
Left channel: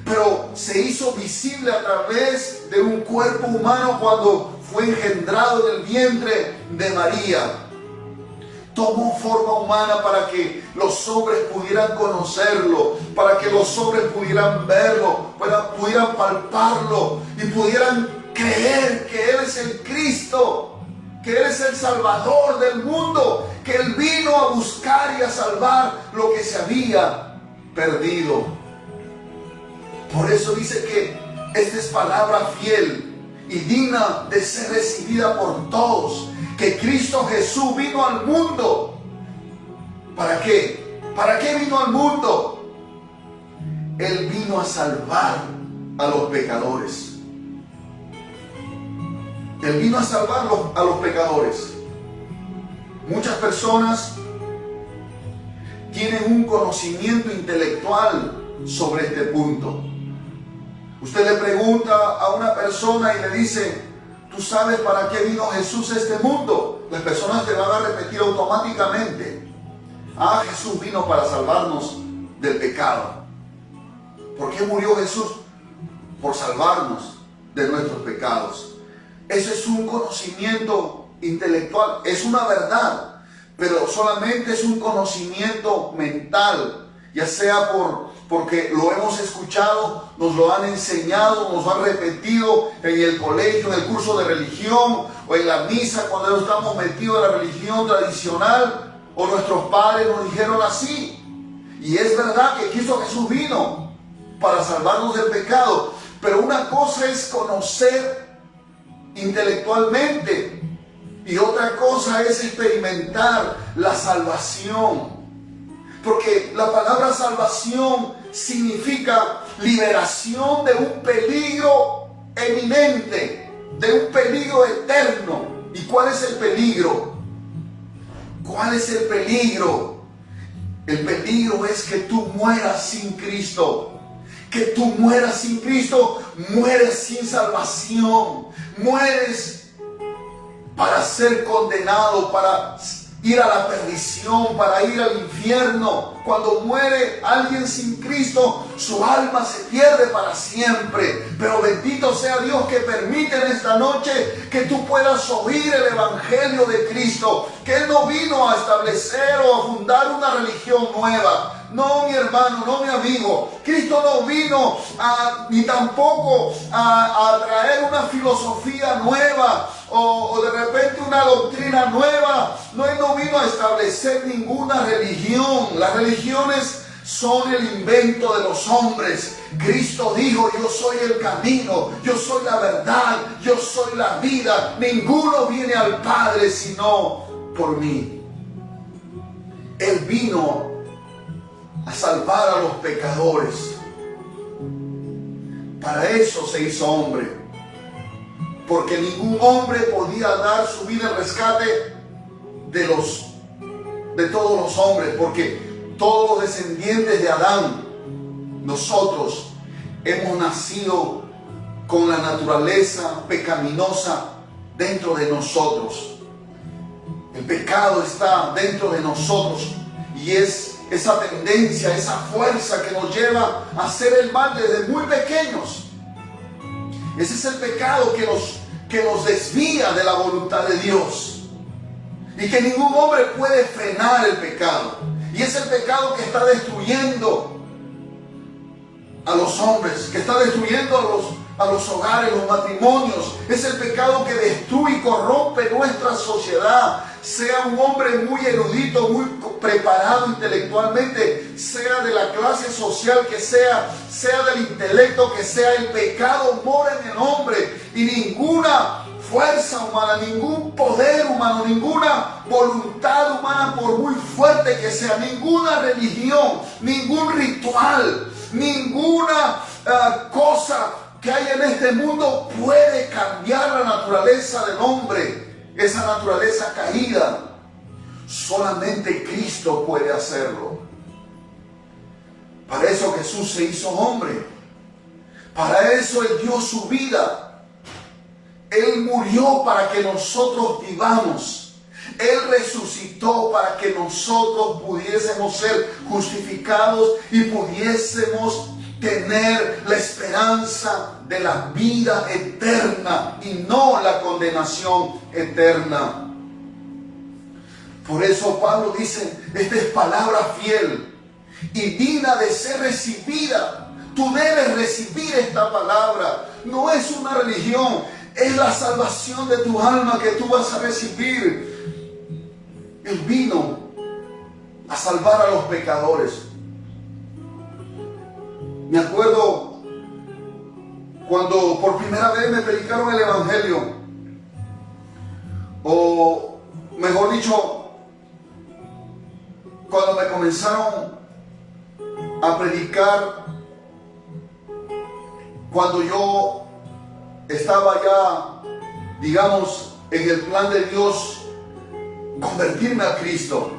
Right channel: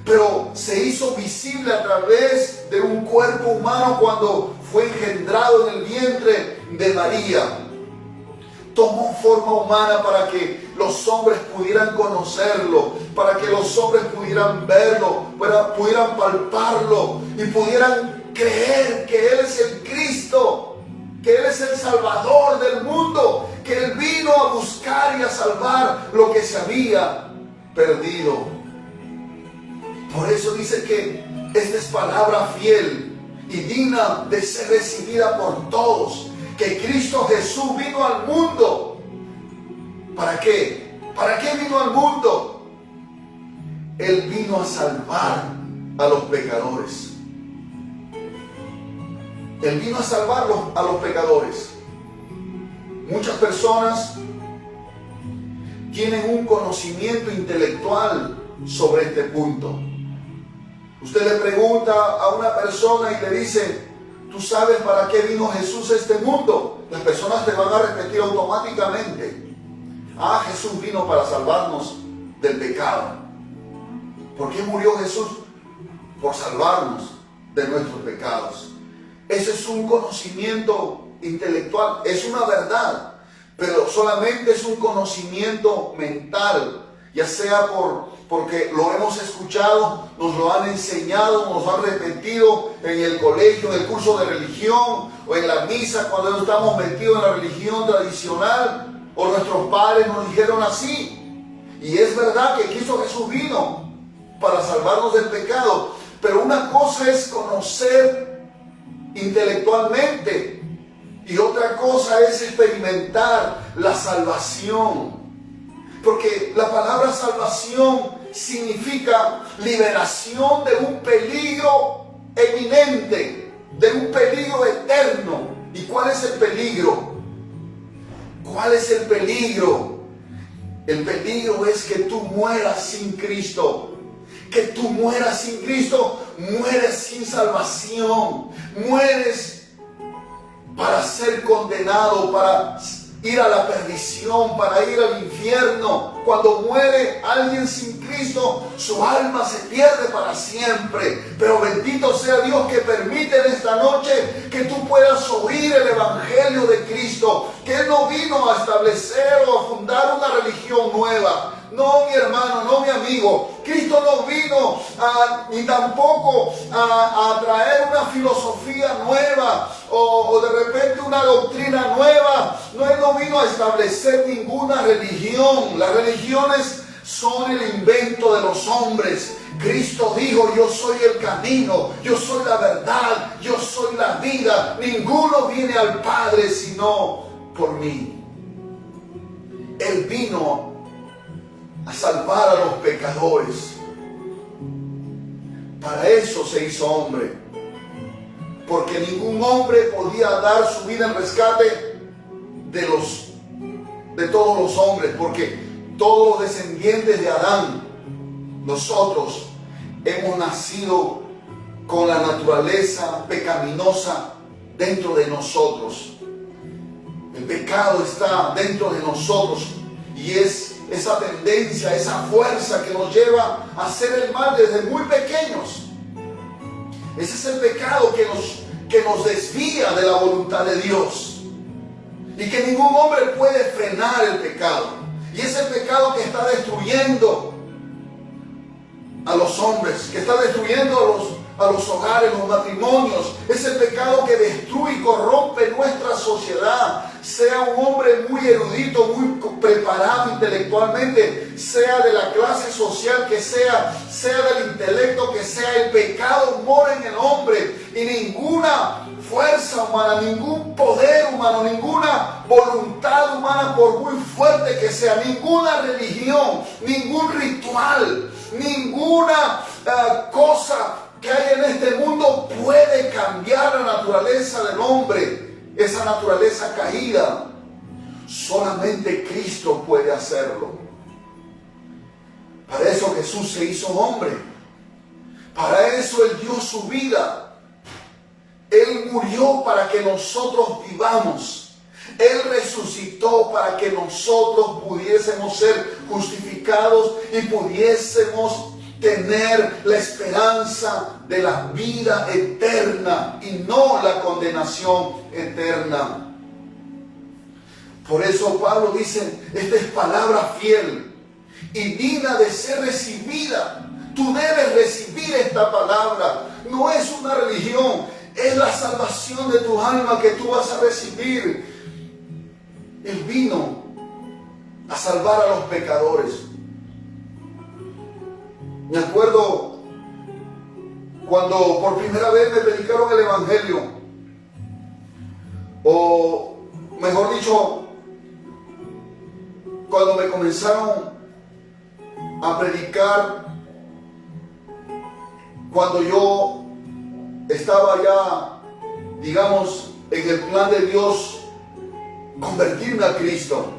pero se hizo visible a través de un cuerpo humano cuando fue engendrado en el vientre de María. Tomó forma humana para que los hombres pudieran conocerlo, para que los hombres pudieran verlo, pudieran palparlo y pudieran creer que Él es el Cristo, que Él es el Salvador del mundo, que Él vino a buscar y a salvar lo que se había perdido. Por eso dice que esta es palabra fiel y digna de ser recibida por todos, que Cristo Jesús vino al mundo. ¿Para qué? ¿Para qué vino al mundo? Él vino a salvar a los pecadores. Él vino a salvar a los pecadores. Muchas personas tienen un conocimiento intelectual sobre este punto. Usted le pregunta a una persona y le dice: ¿tú sabes para qué vino Jesús a este mundo? Las personas te van a repetir automáticamente: Jesús vino para salvarnos del pecado. ¿Por qué murió Jesús? Por salvarnos de nuestros pecados. Ese es un conocimiento intelectual, es una verdad, pero solamente es un conocimiento mental, ya sea porque lo hemos escuchado, nos lo han enseñado, nos lo han repetido en el colegio, en el curso de religión, o en la misa cuando estamos metidos en la religión tradicional, o nuestros padres nos dijeron así. Y es verdad que Cristo Jesús vino para salvarnos del pecado, pero una cosa es conocer intelectualmente y otra cosa es experimentar la salvación. Porque la palabra salvación significa liberación de un peligro eminente, de un peligro eterno. ¿Y cuál es el peligro? ¿Cuál es el peligro? El peligro es que tú mueras sin Cristo. Que tú mueras sin Cristo, mueres sin salvación, mueres para ser condenado, ir a la perdición, para ir al infierno. Cuando muere alguien sin Cristo, su alma se pierde para siempre. Pero bendito sea Dios que permite en esta noche que tú puedas oír el Evangelio de Cristo, que Él no vino a establecer o a fundar una religión nueva. No, mi hermano, no, mi amigo. Cristo no vino ni tampoco a traer una filosofía nueva o de repente una doctrina nueva. No, Él no vino a establecer ninguna religión. Las religiones son el invento de los hombres. Cristo dijo: yo soy el camino, yo soy la verdad, yo soy la vida. Ninguno viene al Padre sino por mí. Él vino a salvar a los pecadores. Para eso se hizo hombre, porque ningún hombre podía dar su vida en rescate de todos los hombres, porque todos los descendientes de Adán, nosotros hemos nacido con la naturaleza pecaminosa dentro de nosotros. El pecado está dentro de nosotros y es esa tendencia, esa fuerza que nos lleva a hacer el mal desde muy pequeños. Ese es el pecado que nos desvía de la voluntad de Dios, y que ningún hombre puede frenar el pecado. Y es el pecado que está destruyendo a los hombres, que está destruyendo a los hogares, los matrimonios. Es el pecado que destruye y corrompe nuestra sociedad. Sea un hombre muy erudito, muy preparado intelectualmente, sea de la clase social que sea del intelecto que sea, el pecado mora en el hombre, y ninguna fuerza humana, ningún poder humano, ninguna voluntad humana, por muy fuerte que sea, ninguna religión, ningún ritual, ninguna cosa que hay en este mundo puede cambiar la naturaleza del hombre, esa naturaleza caída. Solamente Cristo puede hacerlo. Para eso Jesús se hizo hombre. Para eso Él dio su vida. Él murió para que nosotros vivamos. Él resucitó para que nosotros pudiésemos ser justificados y pudiésemos tener la esperanza de la vida eterna y no la condenación eterna. Por eso Pablo dice: esta es palabra fiel y digna de ser recibida. Tú debes recibir esta palabra. No es una religión, es la salvación de tu alma que tú vas a recibir. Él vino a salvar a los pecadores. Me acuerdo cuando por primera vez me predicaron el Evangelio, o mejor dicho, cuando me comenzaron a predicar, cuando yo estaba ya, digamos, en el plan de Dios, convertirme a Cristo.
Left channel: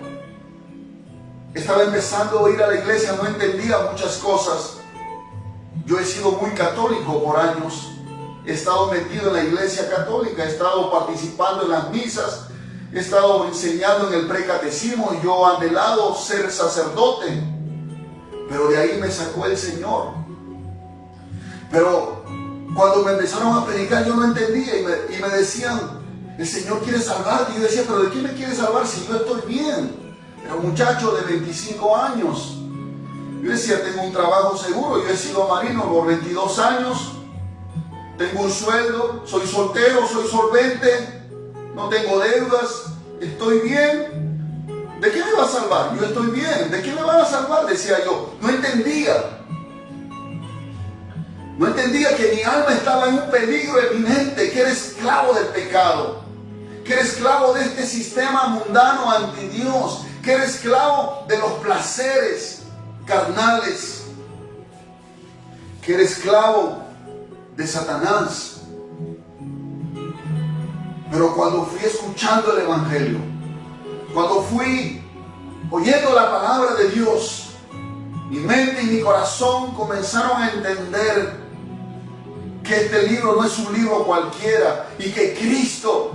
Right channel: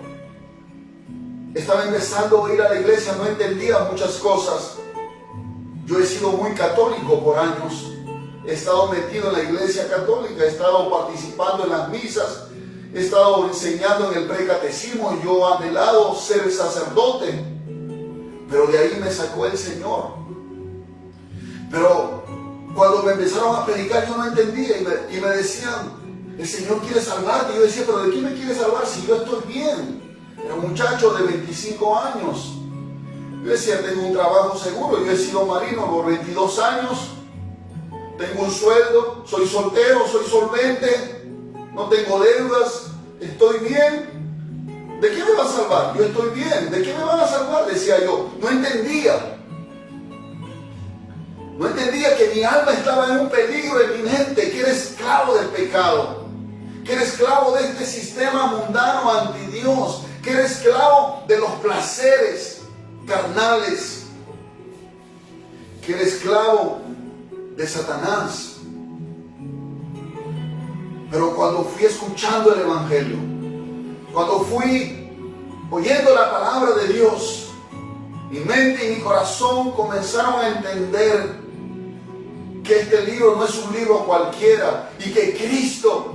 Estaba empezando a ir a la iglesia, no entendía muchas cosas. Yo he sido muy católico por años. He estado metido en la iglesia católica, he estado participando en las misas, he estado enseñando en el precatecismo. Yo he anhelado ser sacerdote, pero de ahí me sacó el Señor. Pero cuando me empezaron a predicar, yo no entendía y me decían: el Señor quiere salvarte. Y yo decía: ¿pero de qué me quiere salvar si yo estoy bien? Era un muchacho de 25 años. Yo decía: tengo un trabajo seguro, yo he sido marino por 22 años, tengo un sueldo, soy soltero, soy solvente, no tengo deudas, estoy bien. ¿De qué me va a salvar? Yo estoy bien. ¿De qué me van a salvar? Decía yo. No entendía. No entendía que mi alma estaba en un peligro eminente, que era esclavo del pecado, que era esclavo de este sistema mundano anti Dios, que era esclavo de los placeres carnales, que era esclavo de Satanás. Pero cuando fui escuchando el Evangelio, cuando fui oyendo la palabra de Dios, mi mente y mi corazón comenzaron a entender que este libro no es un libro cualquiera y que Cristo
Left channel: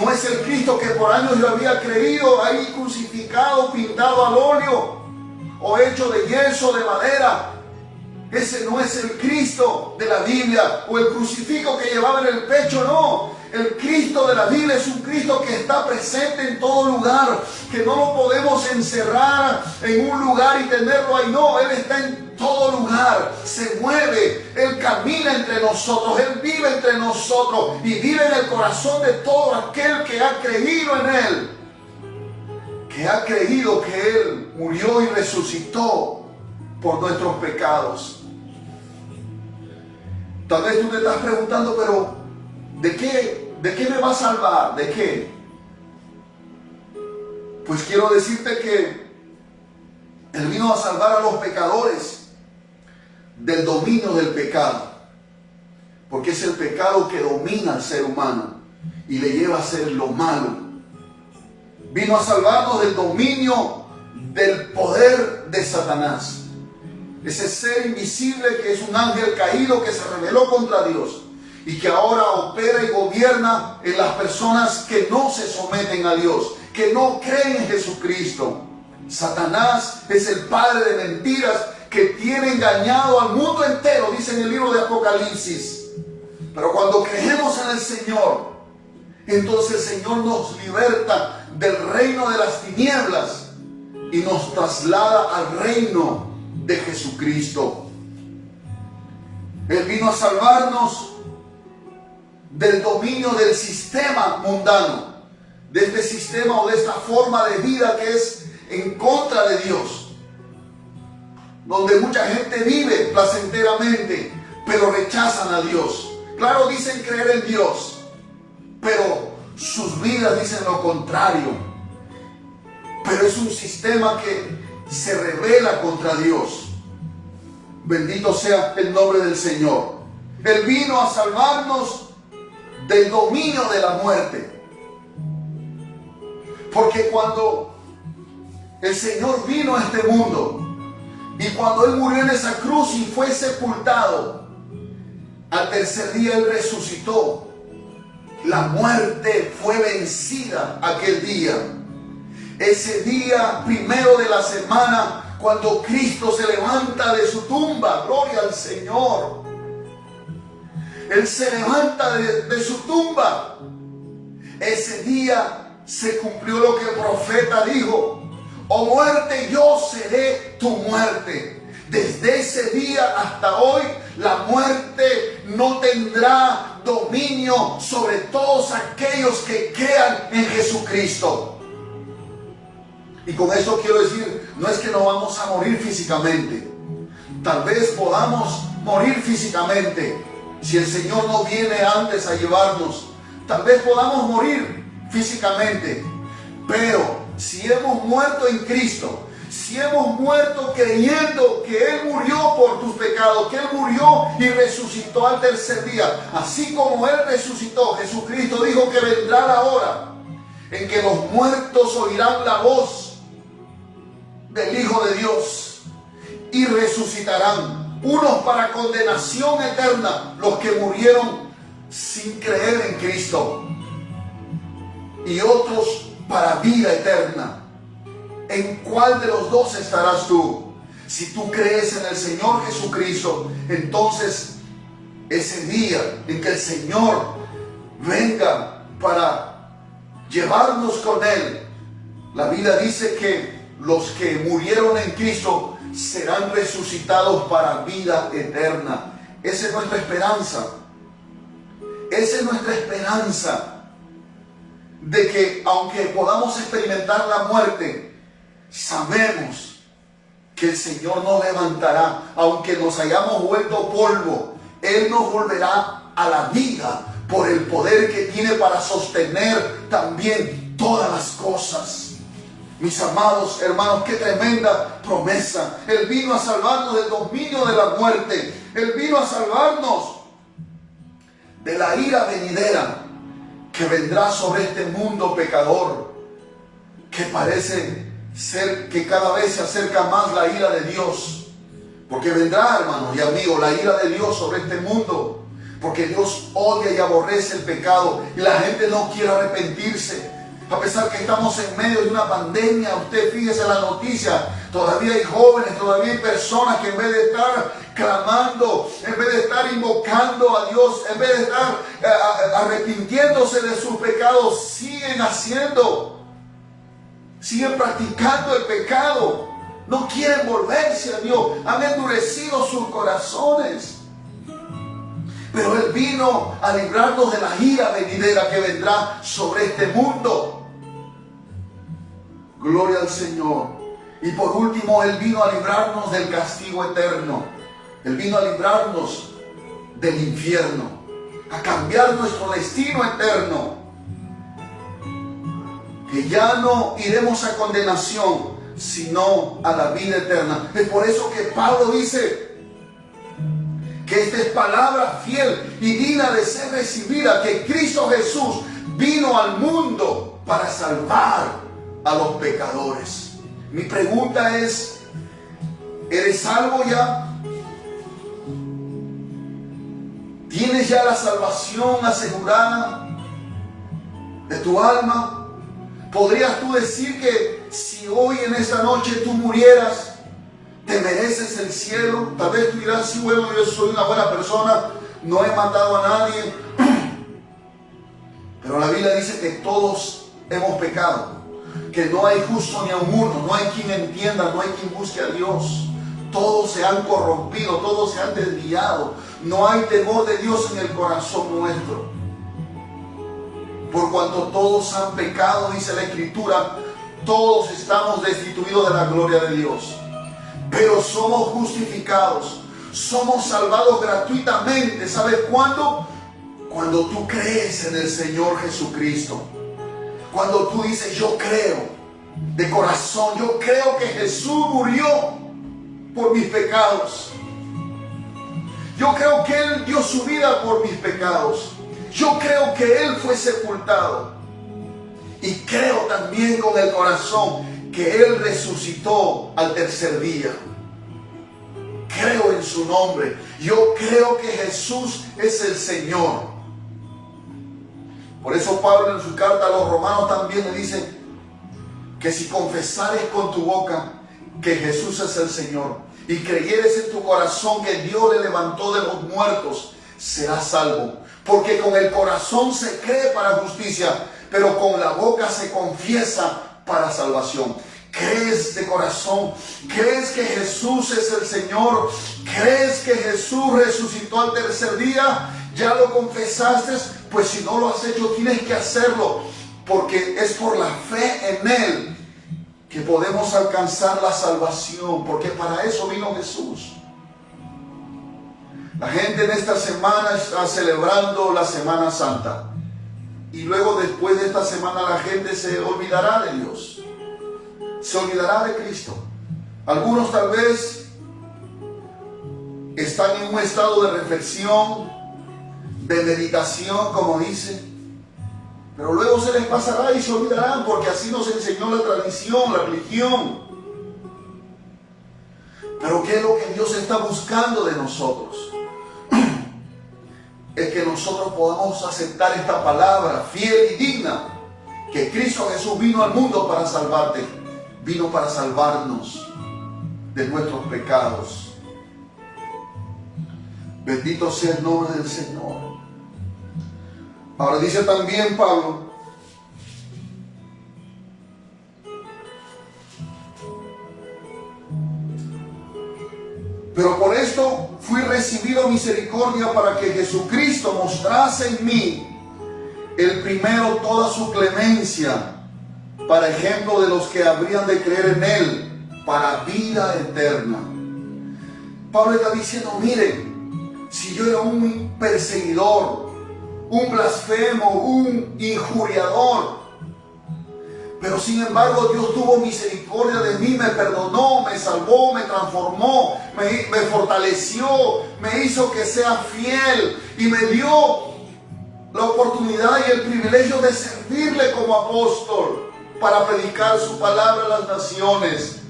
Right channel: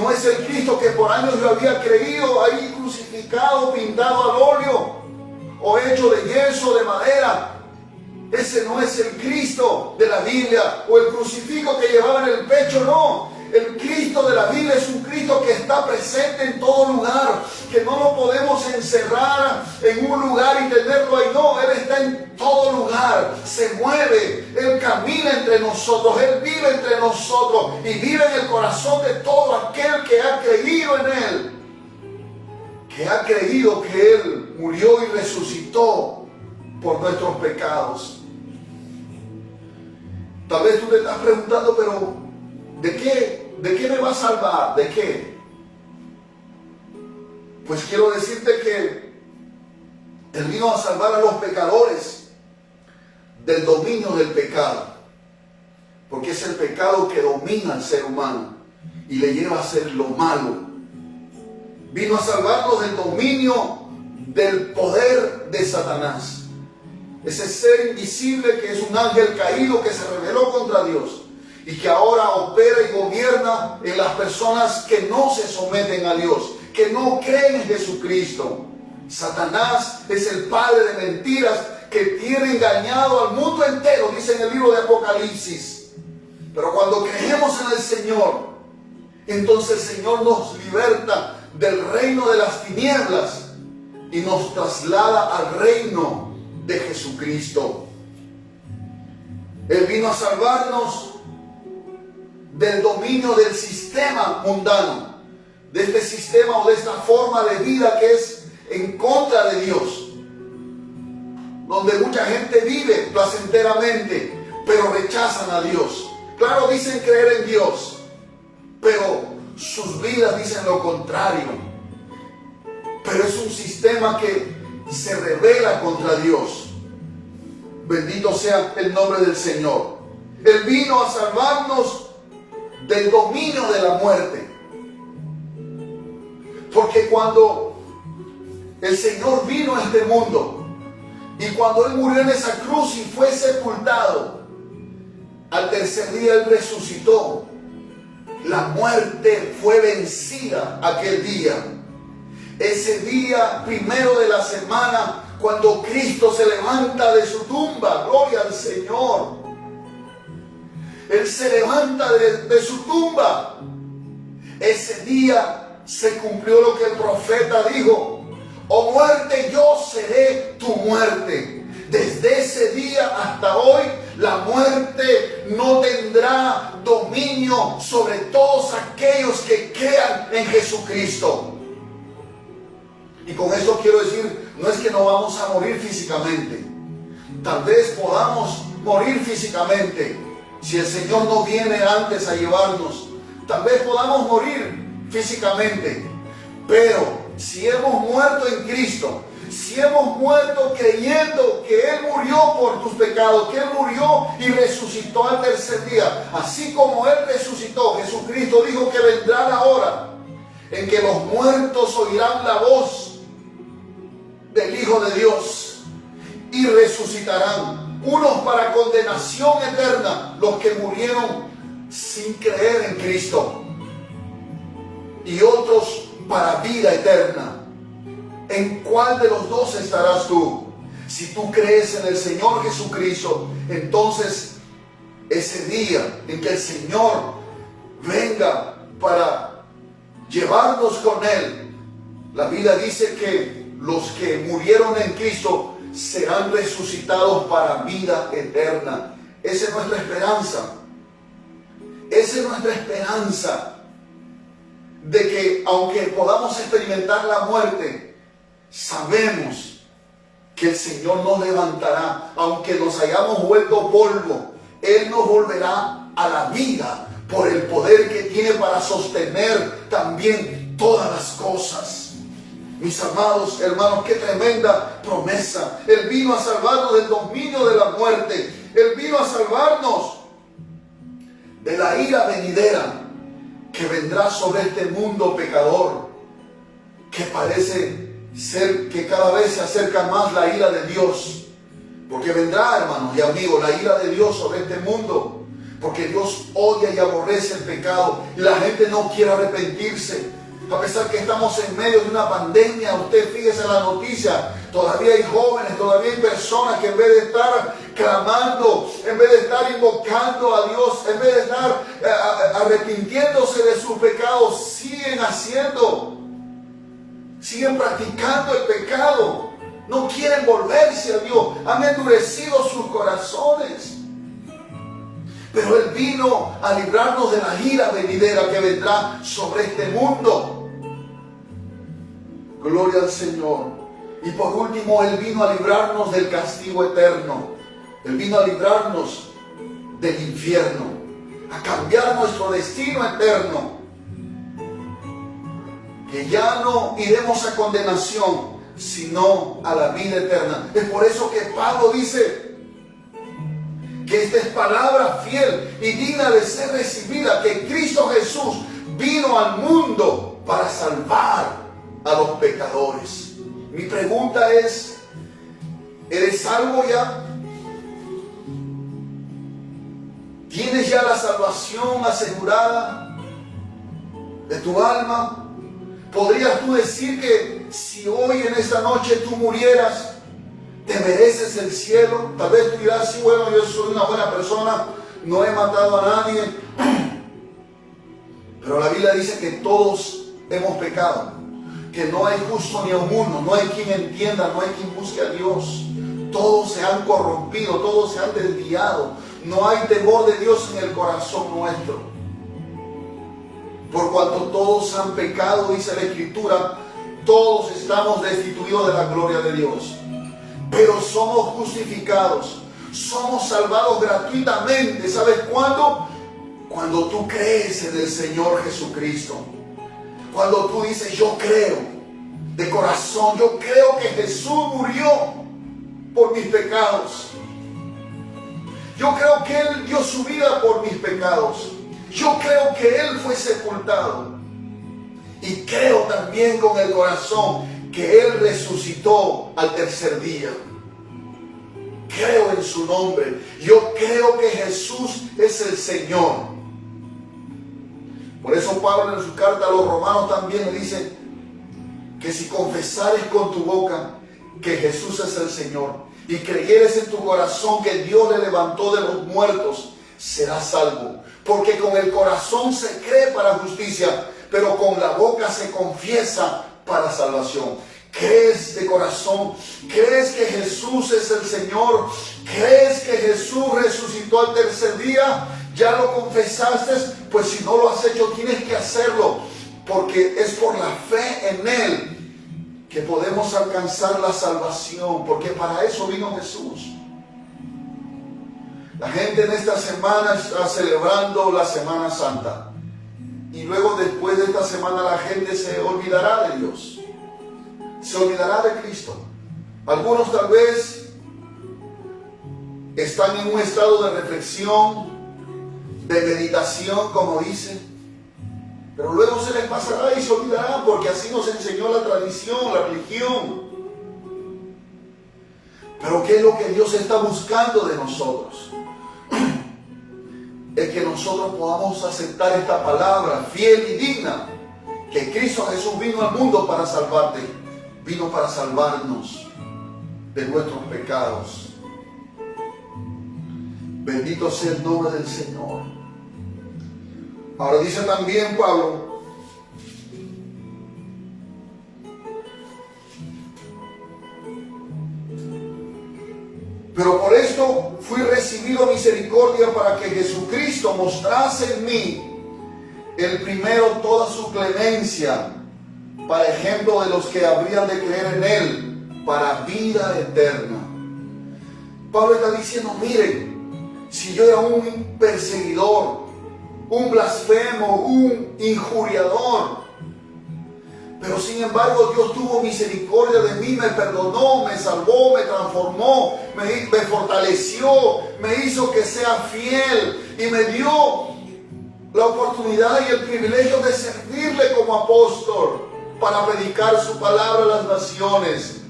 No es el Cristo que por años yo había creído ahí crucificado, pintado al óleo o hecho de yeso, de madera. Ese no es el Cristo de la Biblia o el crucifijo que llevaba en el pecho, no. El Cristo de la Biblia es un Cristo que está presente en todo lugar, que no lo podemos encerrar en un lugar y tenerlo ahí. No, Él está en todo lugar, se mueve, Él camina entre nosotros, Él vive entre nosotros y vive en el corazón de todo aquel que ha creído en Él, que ha creído que Él murió y resucitó por nuestros pecados. Tal vez tú te estás preguntando, pero ¿de qué me va a salvar? ¿De qué? Pues quiero decirte que Él vino a salvar a los pecadores del dominio del pecado, porque es el pecado que domina al ser humano y le lleva a hacer lo malo. Vino a salvarnos del dominio del poder de Satanás, ese ser invisible que es un ángel caído que se rebeló contra Dios y que ahora opera y gobierna en las personas que no se someten a Dios, que no creen en Jesucristo. Satanás es el padre de mentiras que tiene engañado al mundo entero, dice en el libro de Apocalipsis. Pero cuando creemos en el Señor, entonces el Señor nos liberta del reino de las tinieblas y nos traslada al reino de Jesucristo. Él vino a salvarnos del dominio del sistema mundano, de este sistema o de esta forma de vida que es en contra de Dios, donde mucha gente vive placenteramente, pero rechazan a Dios. Claro, dicen creer en Dios, pero sus vidas dicen lo contrario. Pero es un sistema que se rebela contra Dios. Bendito sea el nombre del Señor. Él vino a salvarnos del dominio de la muerte. Porque cuando el Señor vino a este mundo y cuando Él murió en esa cruz y fue sepultado, al tercer día Él resucitó. La muerte fue vencida aquel día. Ese día primero de la semana, cuando Cristo se levanta de su tumba, gloria al Señor. Él se levanta de su tumba. Ese día se cumplió lo que el profeta dijo: oh muerte, yo seré tu muerte. Desde ese día hasta hoy, la muerte no tendrá dominio sobre todos aquellos que crean en Jesucristo. Y con esto quiero decir, no es que no vamos a morir físicamente. Tal vez podamos morir físicamente si el Señor no viene antes a llevarnos. Tal vez podamos morir físicamente. Pero si hemos muerto en Cristo, si hemos muerto creyendo que Él murió por tus pecados, que Él murió y resucitó al tercer día, así como Él resucitó, Jesucristo dijo que vendrá la hora en que los muertos oirán la voz del Hijo de Dios y resucitarán, unos para condenación eterna, los que murieron sin creer en Cristo, y otros para vida eterna. ¿En cuál de los dos estarás tú? Si tú crees en el Señor Jesucristo, entonces ese día en que el Señor venga para llevarnos con Él, la Biblia dice que los que murieron en Cristo serán resucitados para vida eterna. Esa es nuestra esperanza. Esa es nuestra esperanza, de que aunque podamos experimentar la muerte, sabemos que el Señor nos levantará. Aunque nos hayamos vuelto polvo, Él nos volverá a la vida por el poder que tiene para sostener también todas las cosas. Mis amados hermanos, qué tremenda promesa. Él vino a salvarnos del dominio de la muerte. Él vino a salvarnos de la ira venidera que vendrá sobre este mundo pecador, que parece ser que cada vez se acerca más la ira de Dios. Porque vendrá, hermanos y amigos, la ira de Dios sobre este mundo. Porque Dios odia y aborrece el pecado y la gente no quiere arrepentirse. A pesar que estamos en medio de una pandemia, usted fíjese en la noticia, todavía hay jóvenes, todavía hay personas que en vez de estar clamando, en vez de estar invocando a Dios, en vez de estar arrepintiéndose de sus pecados, siguen practicando el pecado. No quieren volverse a Dios, han endurecido sus corazones. Pero Él vino a librarnos de la ira venidera que vendrá sobre este mundo. Gloria al Señor. Y por último, Él vino a librarnos del castigo eterno. Él vino a librarnos del infierno, a cambiar nuestro destino eterno. Que ya no iremos a condenación, sino a la vida eterna. Es por eso que Pablo dice que esta es palabra fiel y digna de ser recibida, que Cristo Jesús vino al mundo para salvar a los pecadores. Mi pregunta es, ¿eres salvo ya? ¿Tienes ya la salvación asegurada de tu alma? ¿Podrías tú decir que si hoy en esta noche tú murieras, te mereces el cielo? Tal vez tú dirás, sí, bueno, yo soy una buena persona, no he matado a nadie. Pero la Biblia dice que todos hemos pecado, que no hay justo ni aun uno, no hay quien entienda, no hay quien busque a Dios. Todos se han corrompido, todos se han desviado. No hay temor de Dios en el corazón nuestro. Por cuanto todos han pecado, dice la Escritura, todos estamos destituidos de la gloria de Dios. Pero somos justificados, somos salvados gratuitamente. ¿Sabes cuándo? Cuando tú crees en el Señor Jesucristo. Cuando tú dices, yo creo de corazón, yo creo que Jesús murió por mis pecados. Yo creo que Él dio su vida por mis pecados. Yo creo que Él fue sepultado. Y creo también con el corazón que Él resucitó al tercer día. Creo en su nombre. Yo creo que Jesús es el Señor. Por eso Pablo en su carta a los romanos también le dice que si confesares con tu boca que Jesús es el Señor y creyeres en tu corazón que Dios le levantó de los muertos, serás salvo. Porque con el corazón se cree para justicia, pero con la boca se confiesa para salvación. ¿Crees de corazón? ¿Crees que Jesús es el Señor? ¿Crees que Jesús resucitó al tercer día? ¿Ya lo confesaste? Pues si no lo has hecho, tienes que hacerlo, porque es por la fe en Él que podemos alcanzar la salvación, porque para eso vino Jesús. La gente en esta semana está celebrando la Semana Santa, y luego después de esta semana la gente se olvidará de Dios, se olvidará de Cristo. Algunos tal vez están en un estado de reflexión, de meditación, como dice, pero luego se les pasará y se olvidarán, porque así nos enseñó la tradición, la religión. Pero ¿qué es lo que Dios está buscando de nosotros? Es que nosotros podamos aceptar esta palabra fiel y digna, que Cristo Jesús vino al mundo para salvarte, vino para salvarnos de nuestros pecados. Bendito sea el nombre del Señor. Ahora dice también Pablo, pero por esto fui recibido misericordia para que Jesucristo mostrase en mí el primero toda su clemencia, para ejemplo de los que habrían de creer en Él, para vida eterna. Pablo está diciendo, miren, si yo era un perseguidor, un blasfemo, un injuriador, pero sin embargo Dios tuvo misericordia de mí, me perdonó, me salvó, me transformó, me fortaleció, me hizo que sea fiel y me dio la oportunidad y el privilegio de servirle como apóstol para predicar su palabra a las naciones.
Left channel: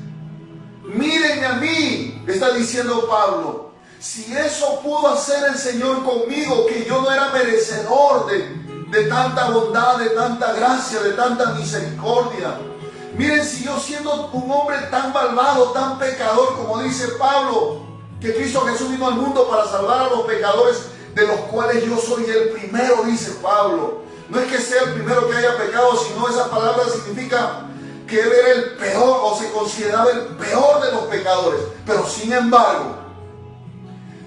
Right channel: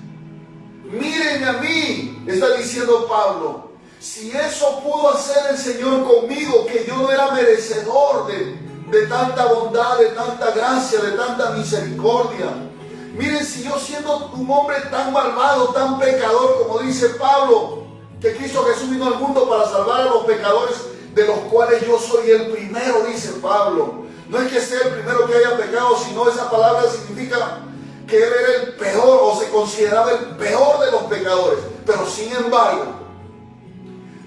Mírenme a mí, está diciendo Pablo. Si eso pudo hacer el Señor conmigo, que yo no era merecedor de tanta bondad, de tanta gracia, de tanta misericordia. Miren, si yo siendo un hombre tan malvado, tan pecador, como dice Pablo, que Cristo Jesús vino al mundo para salvar a los pecadores, de los cuales yo soy el primero, dice Pablo. No es que sea el primero que haya pecado, sino esa palabra significa que él era el peor, o se consideraba el peor de los pecadores. Pero sin embargo,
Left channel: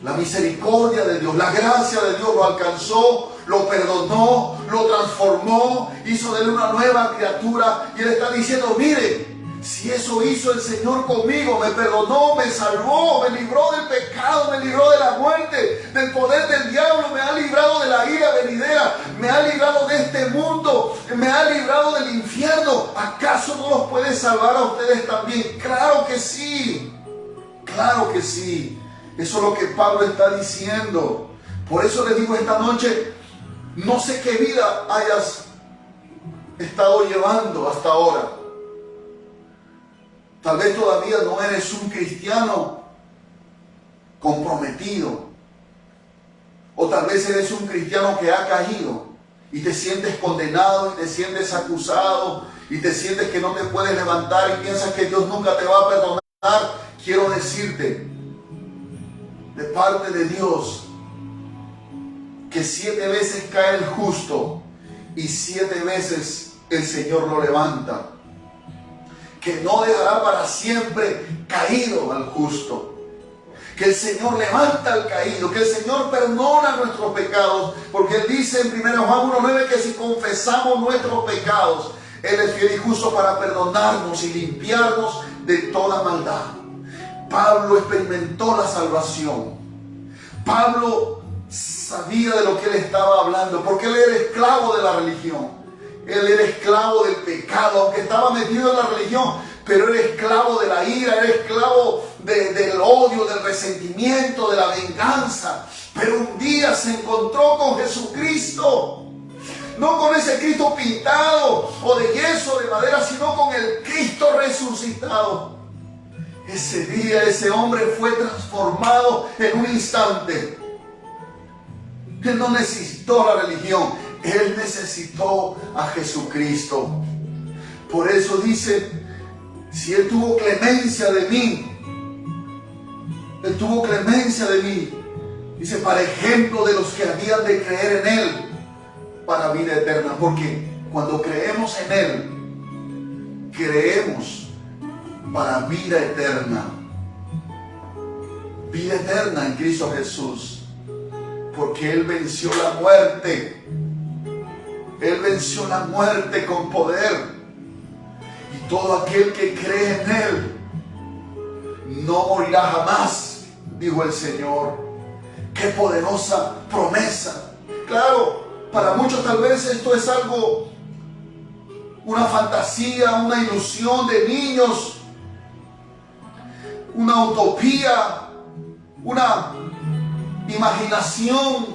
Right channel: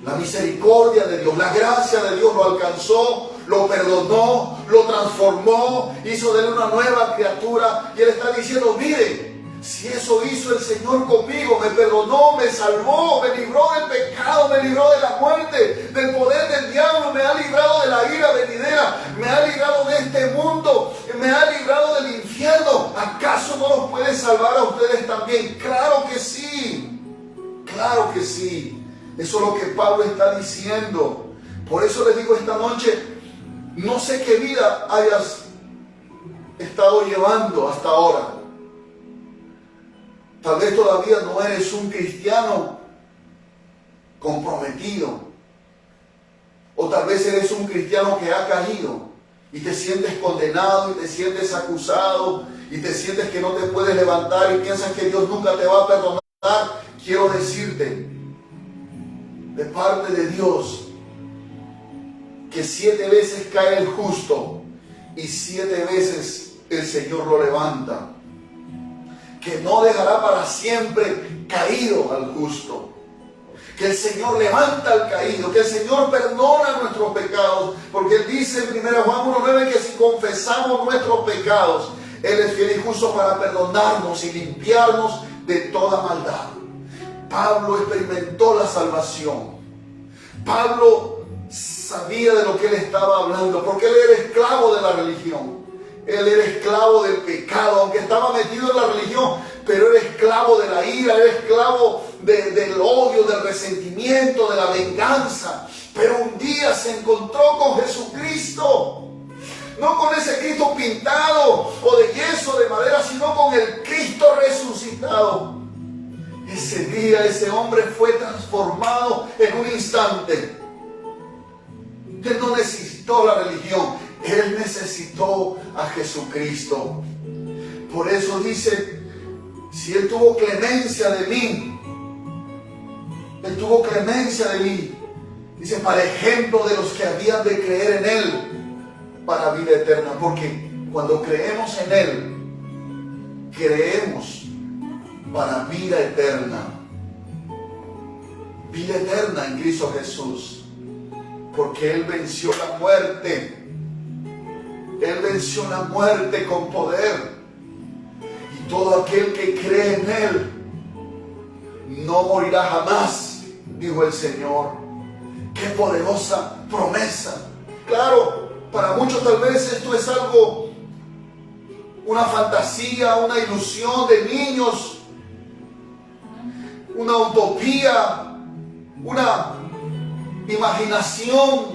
la misericordia de Dios, la gracia de Dios lo alcanzó, lo perdonó, lo transformó, hizo de él una nueva criatura. Y él está diciendo, mire, si eso hizo el Señor conmigo, me perdonó, me salvó, me libró del pecado, me libró de la muerte, del poder del diablo, me ha librado de la ira venidera, me ha librado de este mundo, me ha librado del infierno. ¿Acaso no los puede salvar a ustedes también? Claro que sí, claro que sí. Eso es lo que Pablo está diciendo. Por eso les digo esta noche, no sé qué vida hayas estado llevando hasta ahora. Tal vez todavía no eres un cristiano comprometido. O tal vez eres un cristiano que ha caído y te sientes condenado y te sientes acusado y te sientes que no te puedes levantar y piensas que Dios nunca te va a perdonar. Quiero decirte, de parte de Dios, que 7 veces cae el justo y 7 veces el Señor lo levanta. Que no dejará para siempre caído al justo. Que el Señor levanta al caído, que el Señor perdona nuestros pecados, porque Él dice en 1 Juan 1:9 que si confesamos nuestros pecados, Él es fiel y justo para perdonarnos y limpiarnos de toda maldad. Pablo experimentó la salvación. Pablo sabía de lo que él estaba hablando, porque él era esclavo de la religión. Él era esclavo del pecado, aunque estaba metido en la religión, pero era esclavo de la ira, era esclavo del odio, del resentimiento, de la venganza. Pero un día se encontró con Jesucristo, no con ese Cristo pintado o de yeso, de madera, sino con el Cristo resucitado. Ese día ese hombre fue transformado en un instante. Él no necesitó la religión, él necesitó a Jesucristo. Por eso dice, si él tuvo clemencia de mí, él tuvo clemencia de mí, dice, para ejemplo de los que habían de creer en él para vida eterna. Porque cuando creemos en él, creemos para vida eterna. Vida eterna en Cristo Jesús. Porque Él venció la muerte. Él venció la muerte con poder. Y todo aquel que cree en Él no morirá jamás, dijo el Señor. Qué poderosa promesa. Claro, para muchos tal vez esto es algo, una fantasía, una ilusión de niños, una utopía, una imaginación,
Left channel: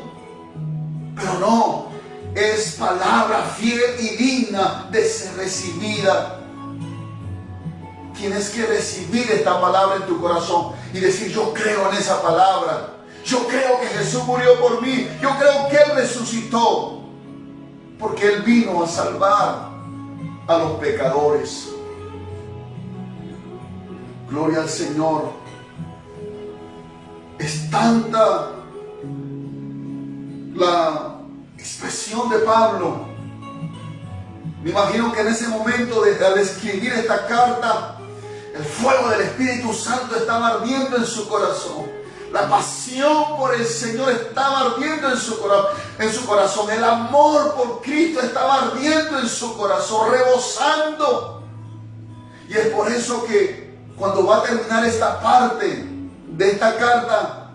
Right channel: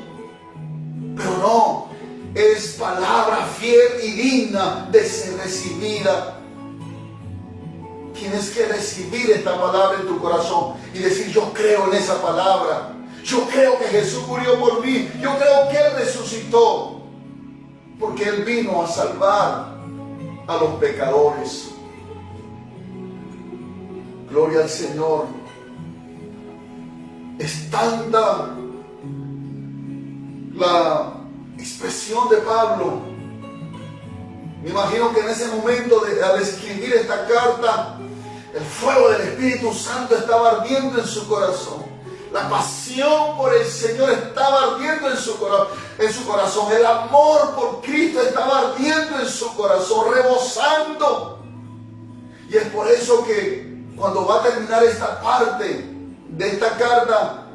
pero no, es palabra fiel y digna de ser recibida. Tienes que recibir esta palabra en tu corazón y decir, yo creo en esa palabra, yo creo que Jesús murió por mí, yo creo que Él resucitó, porque Él vino a salvar a los pecadores. Gloria al Señor. Es tanta la expresión de Pablo. Me imagino que en ese momento, al escribir esta carta, el fuego del Espíritu Santo estaba ardiendo en su corazón. La pasión por el Señor estaba ardiendo en su corazón. El amor por Cristo estaba ardiendo en su corazón, rebosando. Y es por eso que cuando va a terminar esta parte de esta carta,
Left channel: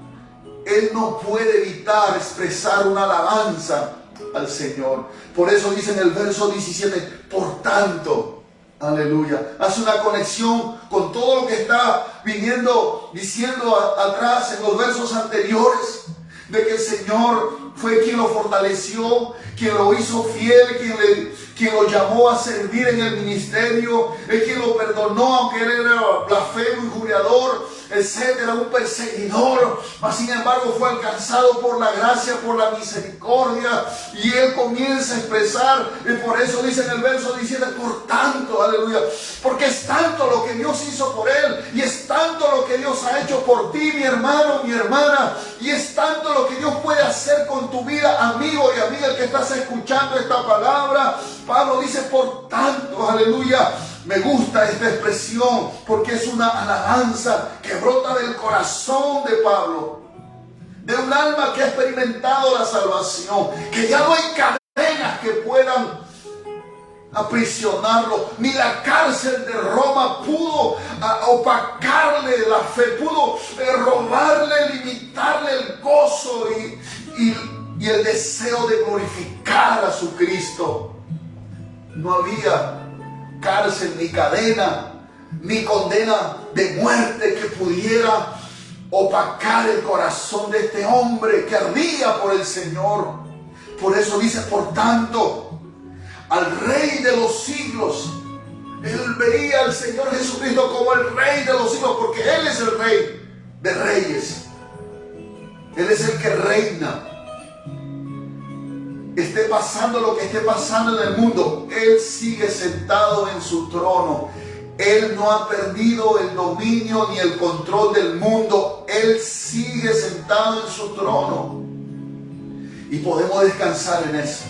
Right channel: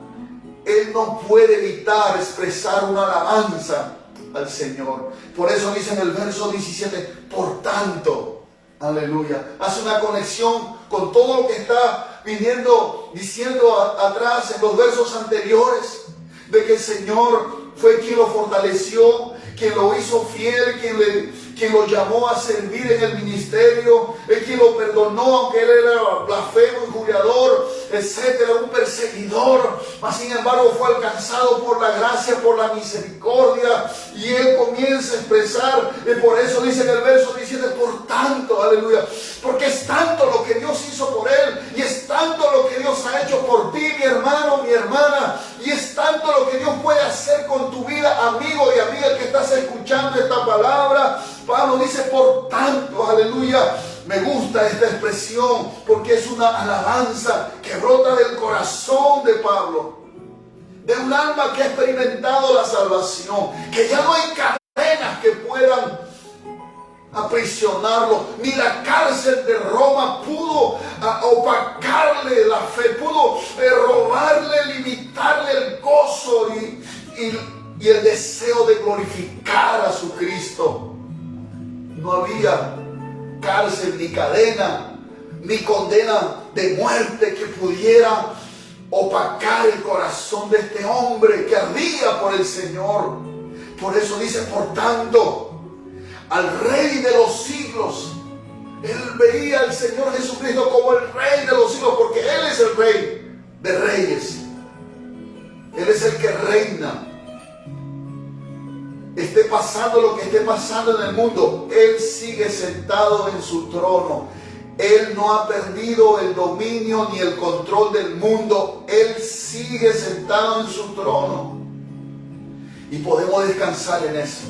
él no puede evitar expresar una alabanza al Señor. Por eso dice en el verso 17, por tanto, aleluya, hace una conexión con todo lo que está viniendo, diciendo atrás en los versos anteriores, de que el Señor fue quien lo fortaleció, quien lo hizo fiel, quien lo llamó a servir en el ministerio, es quien lo perdonó, aunque él era blasfemo, injuriador, etcétera, un perseguidor, mas sin embargo fue alcanzado por la gracia, por la misericordia, y él comienza a expresar, y por eso dice en el verso 17, por tanto, aleluya, porque es tanto lo que Dios hizo por él, y es tanto lo que Dios ha hecho por ti, mi hermano, mi hermana, y es tanto lo que Dios puede hacer con tu vida, amigo y amiga que estás escuchando esta palabra. Pablo dice, por tanto, aleluya. Me gusta esta expresión porque es una alabanza que brota del corazón de Pablo, de un alma que ha experimentado la salvación, que ya no hay cadenas que puedan aprisionarlo, ni la cárcel de Roma pudo opacarle la fe, pudo robarle, limitarle el gozo y el deseo de glorificar a su Cristo. No había cárcel, ni cadena, ni condena de muerte que pudiera opacar el corazón de este hombre que ardía por el Señor. Por eso dice, por tanto, al Rey de los siglos. Él veía al Señor Jesucristo como el Rey de los siglos, porque Él es el Rey de reyes. Él es el que reina. Esté pasando lo que esté pasando en el mundo, Él sigue sentado en su trono. Él no ha perdido el dominio ni el control del mundo. Él sigue sentado en su trono. Y podemos descansar en eso,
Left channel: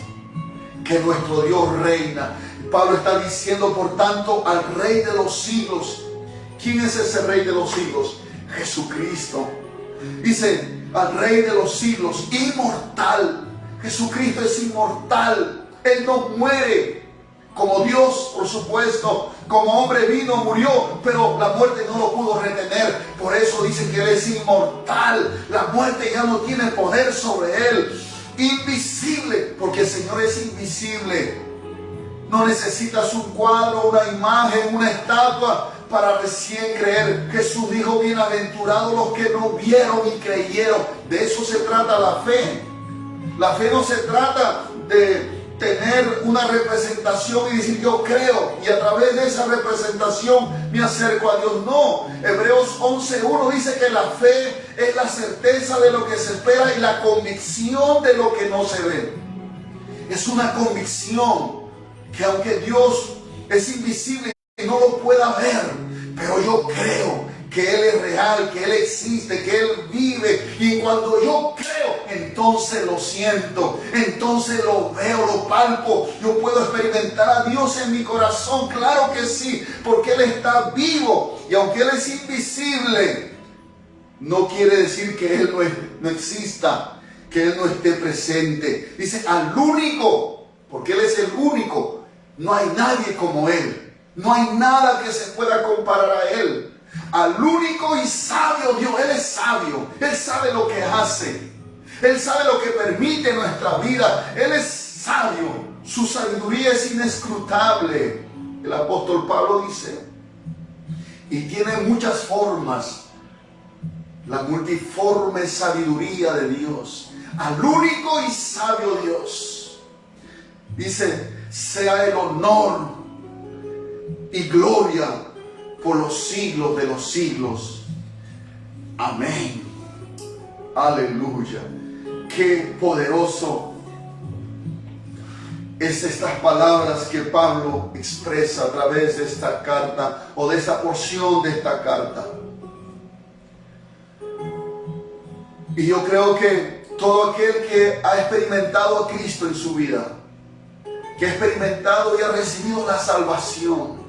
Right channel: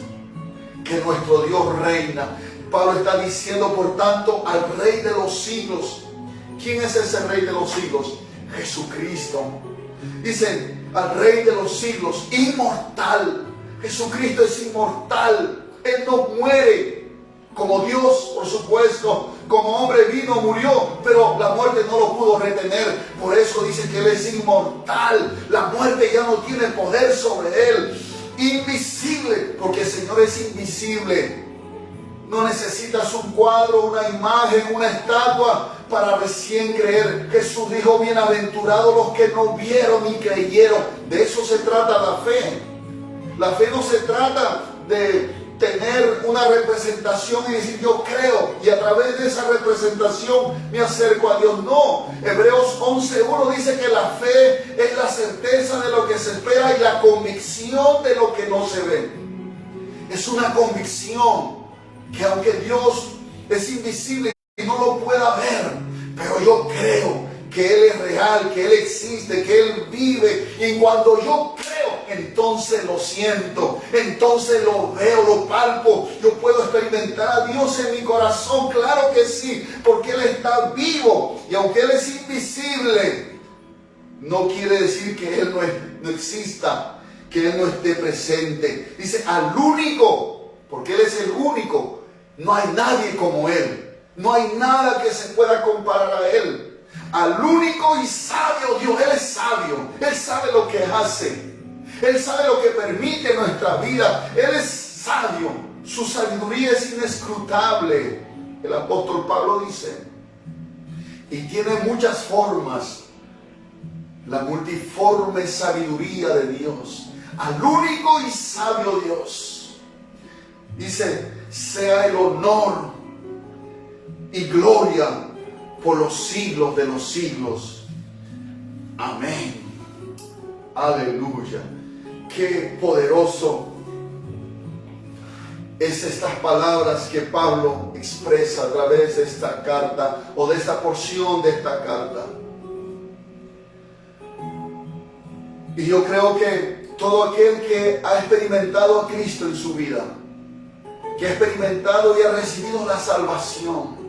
que nuestro Dios reina. Pablo está diciendo, por tanto, al Rey de los siglos. ¿Quién es ese Rey de los siglos? Jesucristo. Dice, al Rey de los siglos, inmortal. Jesucristo es inmortal. Él no muere. Como Dios, por supuesto, como hombre vino, murió, pero la muerte no lo pudo retener. Por eso dice que Él es inmortal. La muerte ya no tiene poder sobre Él. Invisible, porque el Señor es invisible. No necesitas un cuadro, una imagen, una estatua para recién creer. Jesús dijo, bienaventurados los que no vieron y creyeron. De eso se trata la fe. La fe no se trata de tener una representación y decir yo creo y a través de esa representación me acerco a Dios. No, Hebreos 11:1 dice que la fe es la certeza de lo que se espera y la convicción de lo que no se ve. Es una convicción que aunque Dios es invisible y no lo pueda ver, pero yo creo que Él es real, que Él existe, que Él vive. Y cuando yo creo, entonces lo siento, entonces lo veo, lo palpo. Yo puedo experimentar a Dios en mi corazón, claro que sí, porque Él está vivo. Y aunque Él es invisible, no quiere decir que Él no exista, que Él no esté presente. Dice al único, porque Él es el único. No hay nadie como Él. No hay nada que se pueda comparar a Él. Al único y sabio Dios. Él es sabio. Él sabe lo que hace. Él sabe lo que permite en nuestra vida. Él es sabio. Su sabiduría es inescrutable. El apóstol Pablo dice. Y tiene muchas formas. La multiforme sabiduría de Dios. Al único y sabio Dios. Dice, sea el honor y gloria por los siglos de los siglos. Amén. Aleluya. Qué poderoso es estas palabras que Pablo expresa a través de esta carta o de esta porción de esta carta. Y yo creo que todo aquel que ha experimentado a Cristo en su vida, que ha experimentado y ha recibido la salvación,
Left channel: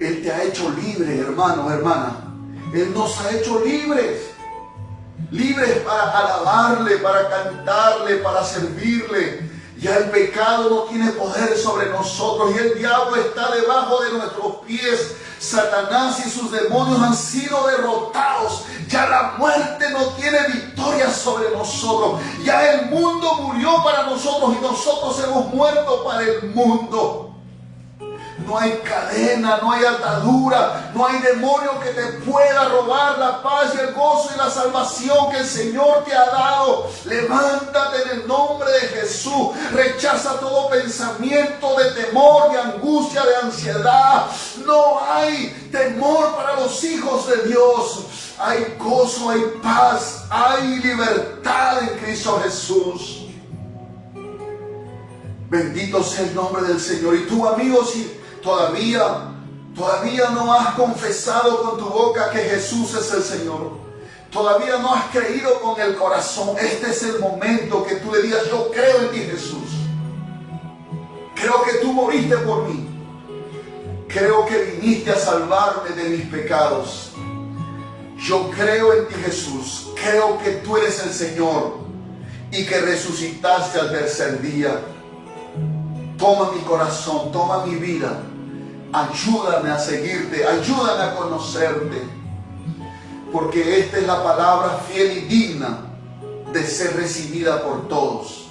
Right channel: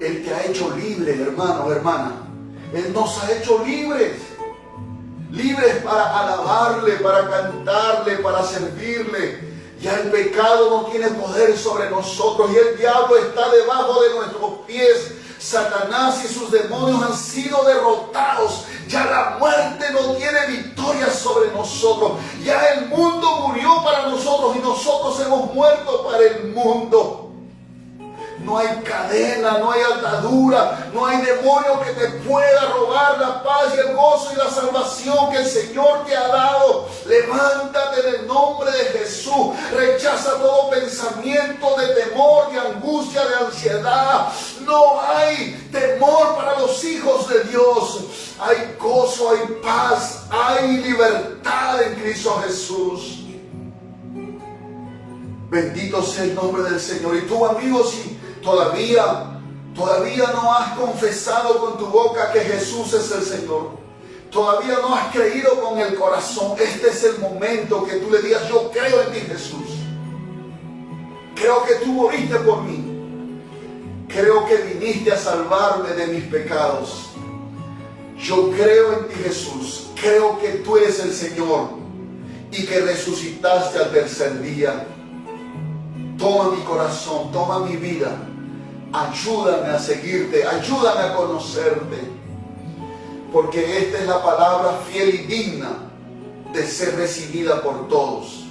Él te ha hecho libre, hermano, hermana. Él nos ha hecho libres. Libres para alabarle, para cantarle, para servirle. Ya el pecado no tiene poder sobre nosotros y el diablo está debajo de nuestros pies. Satanás y sus demonios han sido derrotados. Ya la muerte no tiene victoria sobre nosotros. Ya el mundo murió para nosotros y nosotros hemos muerto para el mundo. No hay cadena, no hay atadura, no hay demonio que te pueda robar la paz y el gozo y la salvación que el Señor te ha dado. Levántate en el nombre de Jesús. Rechaza todo pensamiento de temor, de angustia, de ansiedad. No hay temor para los hijos de Dios. Hay gozo, hay paz, hay libertad en Cristo Jesús. Bendito sea el nombre del Señor. Y tú, amigo, si todavía no has confesado con tu boca que Jesús es el Señor, todavía no has creído con el corazón, este es el momento que tú le digas: yo creo en ti, Jesús. Creo que tú moriste por mí. Creo que viniste a salvarme de mis pecados. Yo creo en ti, Jesús. Creo que tú eres el Señor y que resucitaste al tercer día. Toma mi corazón, toma mi vida. Ayúdame a seguirte, ayúdame a conocerte. Porque esta es la palabra fiel y digna de ser recibida por todos.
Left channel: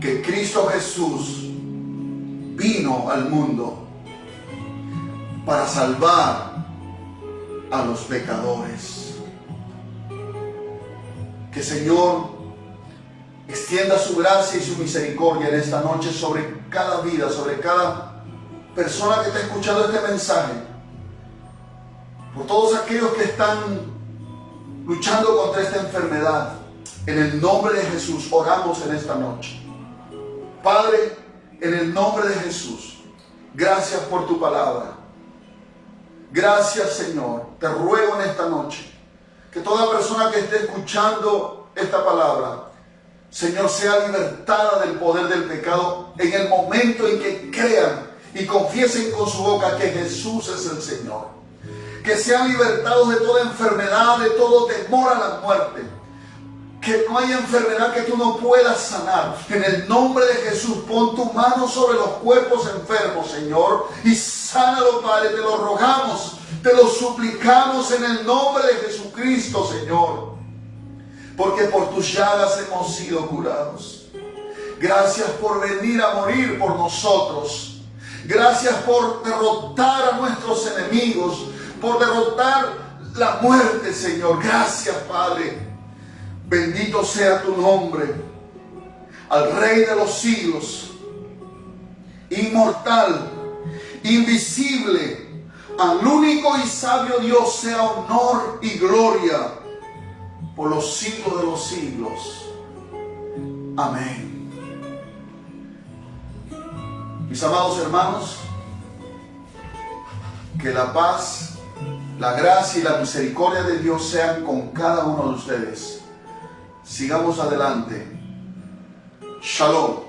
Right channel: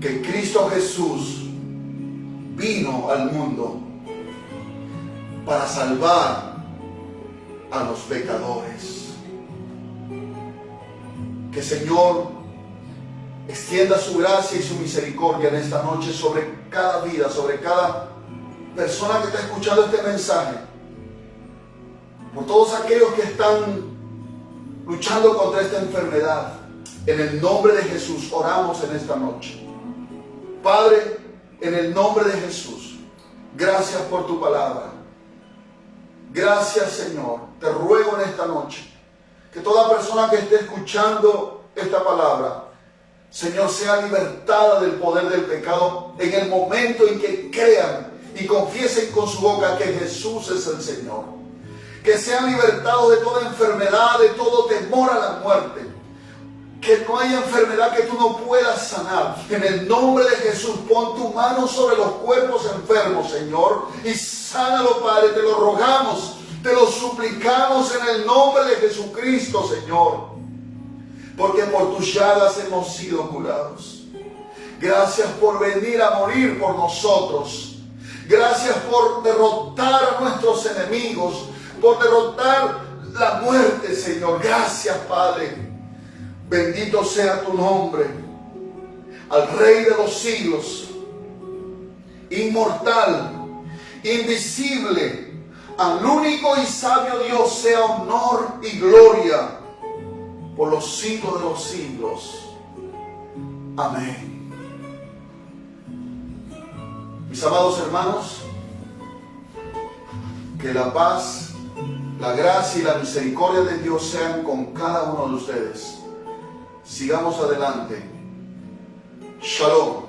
Que Cristo Jesús vino al mundo para salvar a los pecadores. Que el Señor extienda su gracia y su misericordia en esta noche sobre cada vida, sobre cada persona que está escuchando este mensaje. Por todos aquellos que están luchando contra esta enfermedad. En el nombre de Jesús oramos en esta noche. Padre, en el nombre de Jesús, gracias por tu palabra. Gracias, Señor. Te ruego en esta noche que toda persona que esté escuchando esta palabra, Señor, sea libertada del poder del pecado en el momento en que crean y confiesen con su boca que Jesús es el Señor. Que sean libertados de toda enfermedad, de todo temor a la muerte. Que no haya enfermedad que tú no puedas sanar. En el nombre de Jesús, pon tu mano sobre los cuerpos enfermos, Señor, y sánalo, Padre. Te lo rogamos, te lo suplicamos en el nombre de Jesucristo, Señor. Porque por tus llagas hemos sido curados. Gracias por venir a morir por nosotros. Gracias por derrotar a nuestros enemigos, por derrotar la muerte, Señor. Gracias, Padre. Bendito sea tu nombre. Al Rey de los siglos, inmortal, invisible, al único y sabio Dios sea honor y gloria por los siglos de los siglos. Amén. Mis amados hermanos, que la paz, la gracia y la misericordia de Dios sean con cada uno de ustedes. Sigamos adelante. Shalom.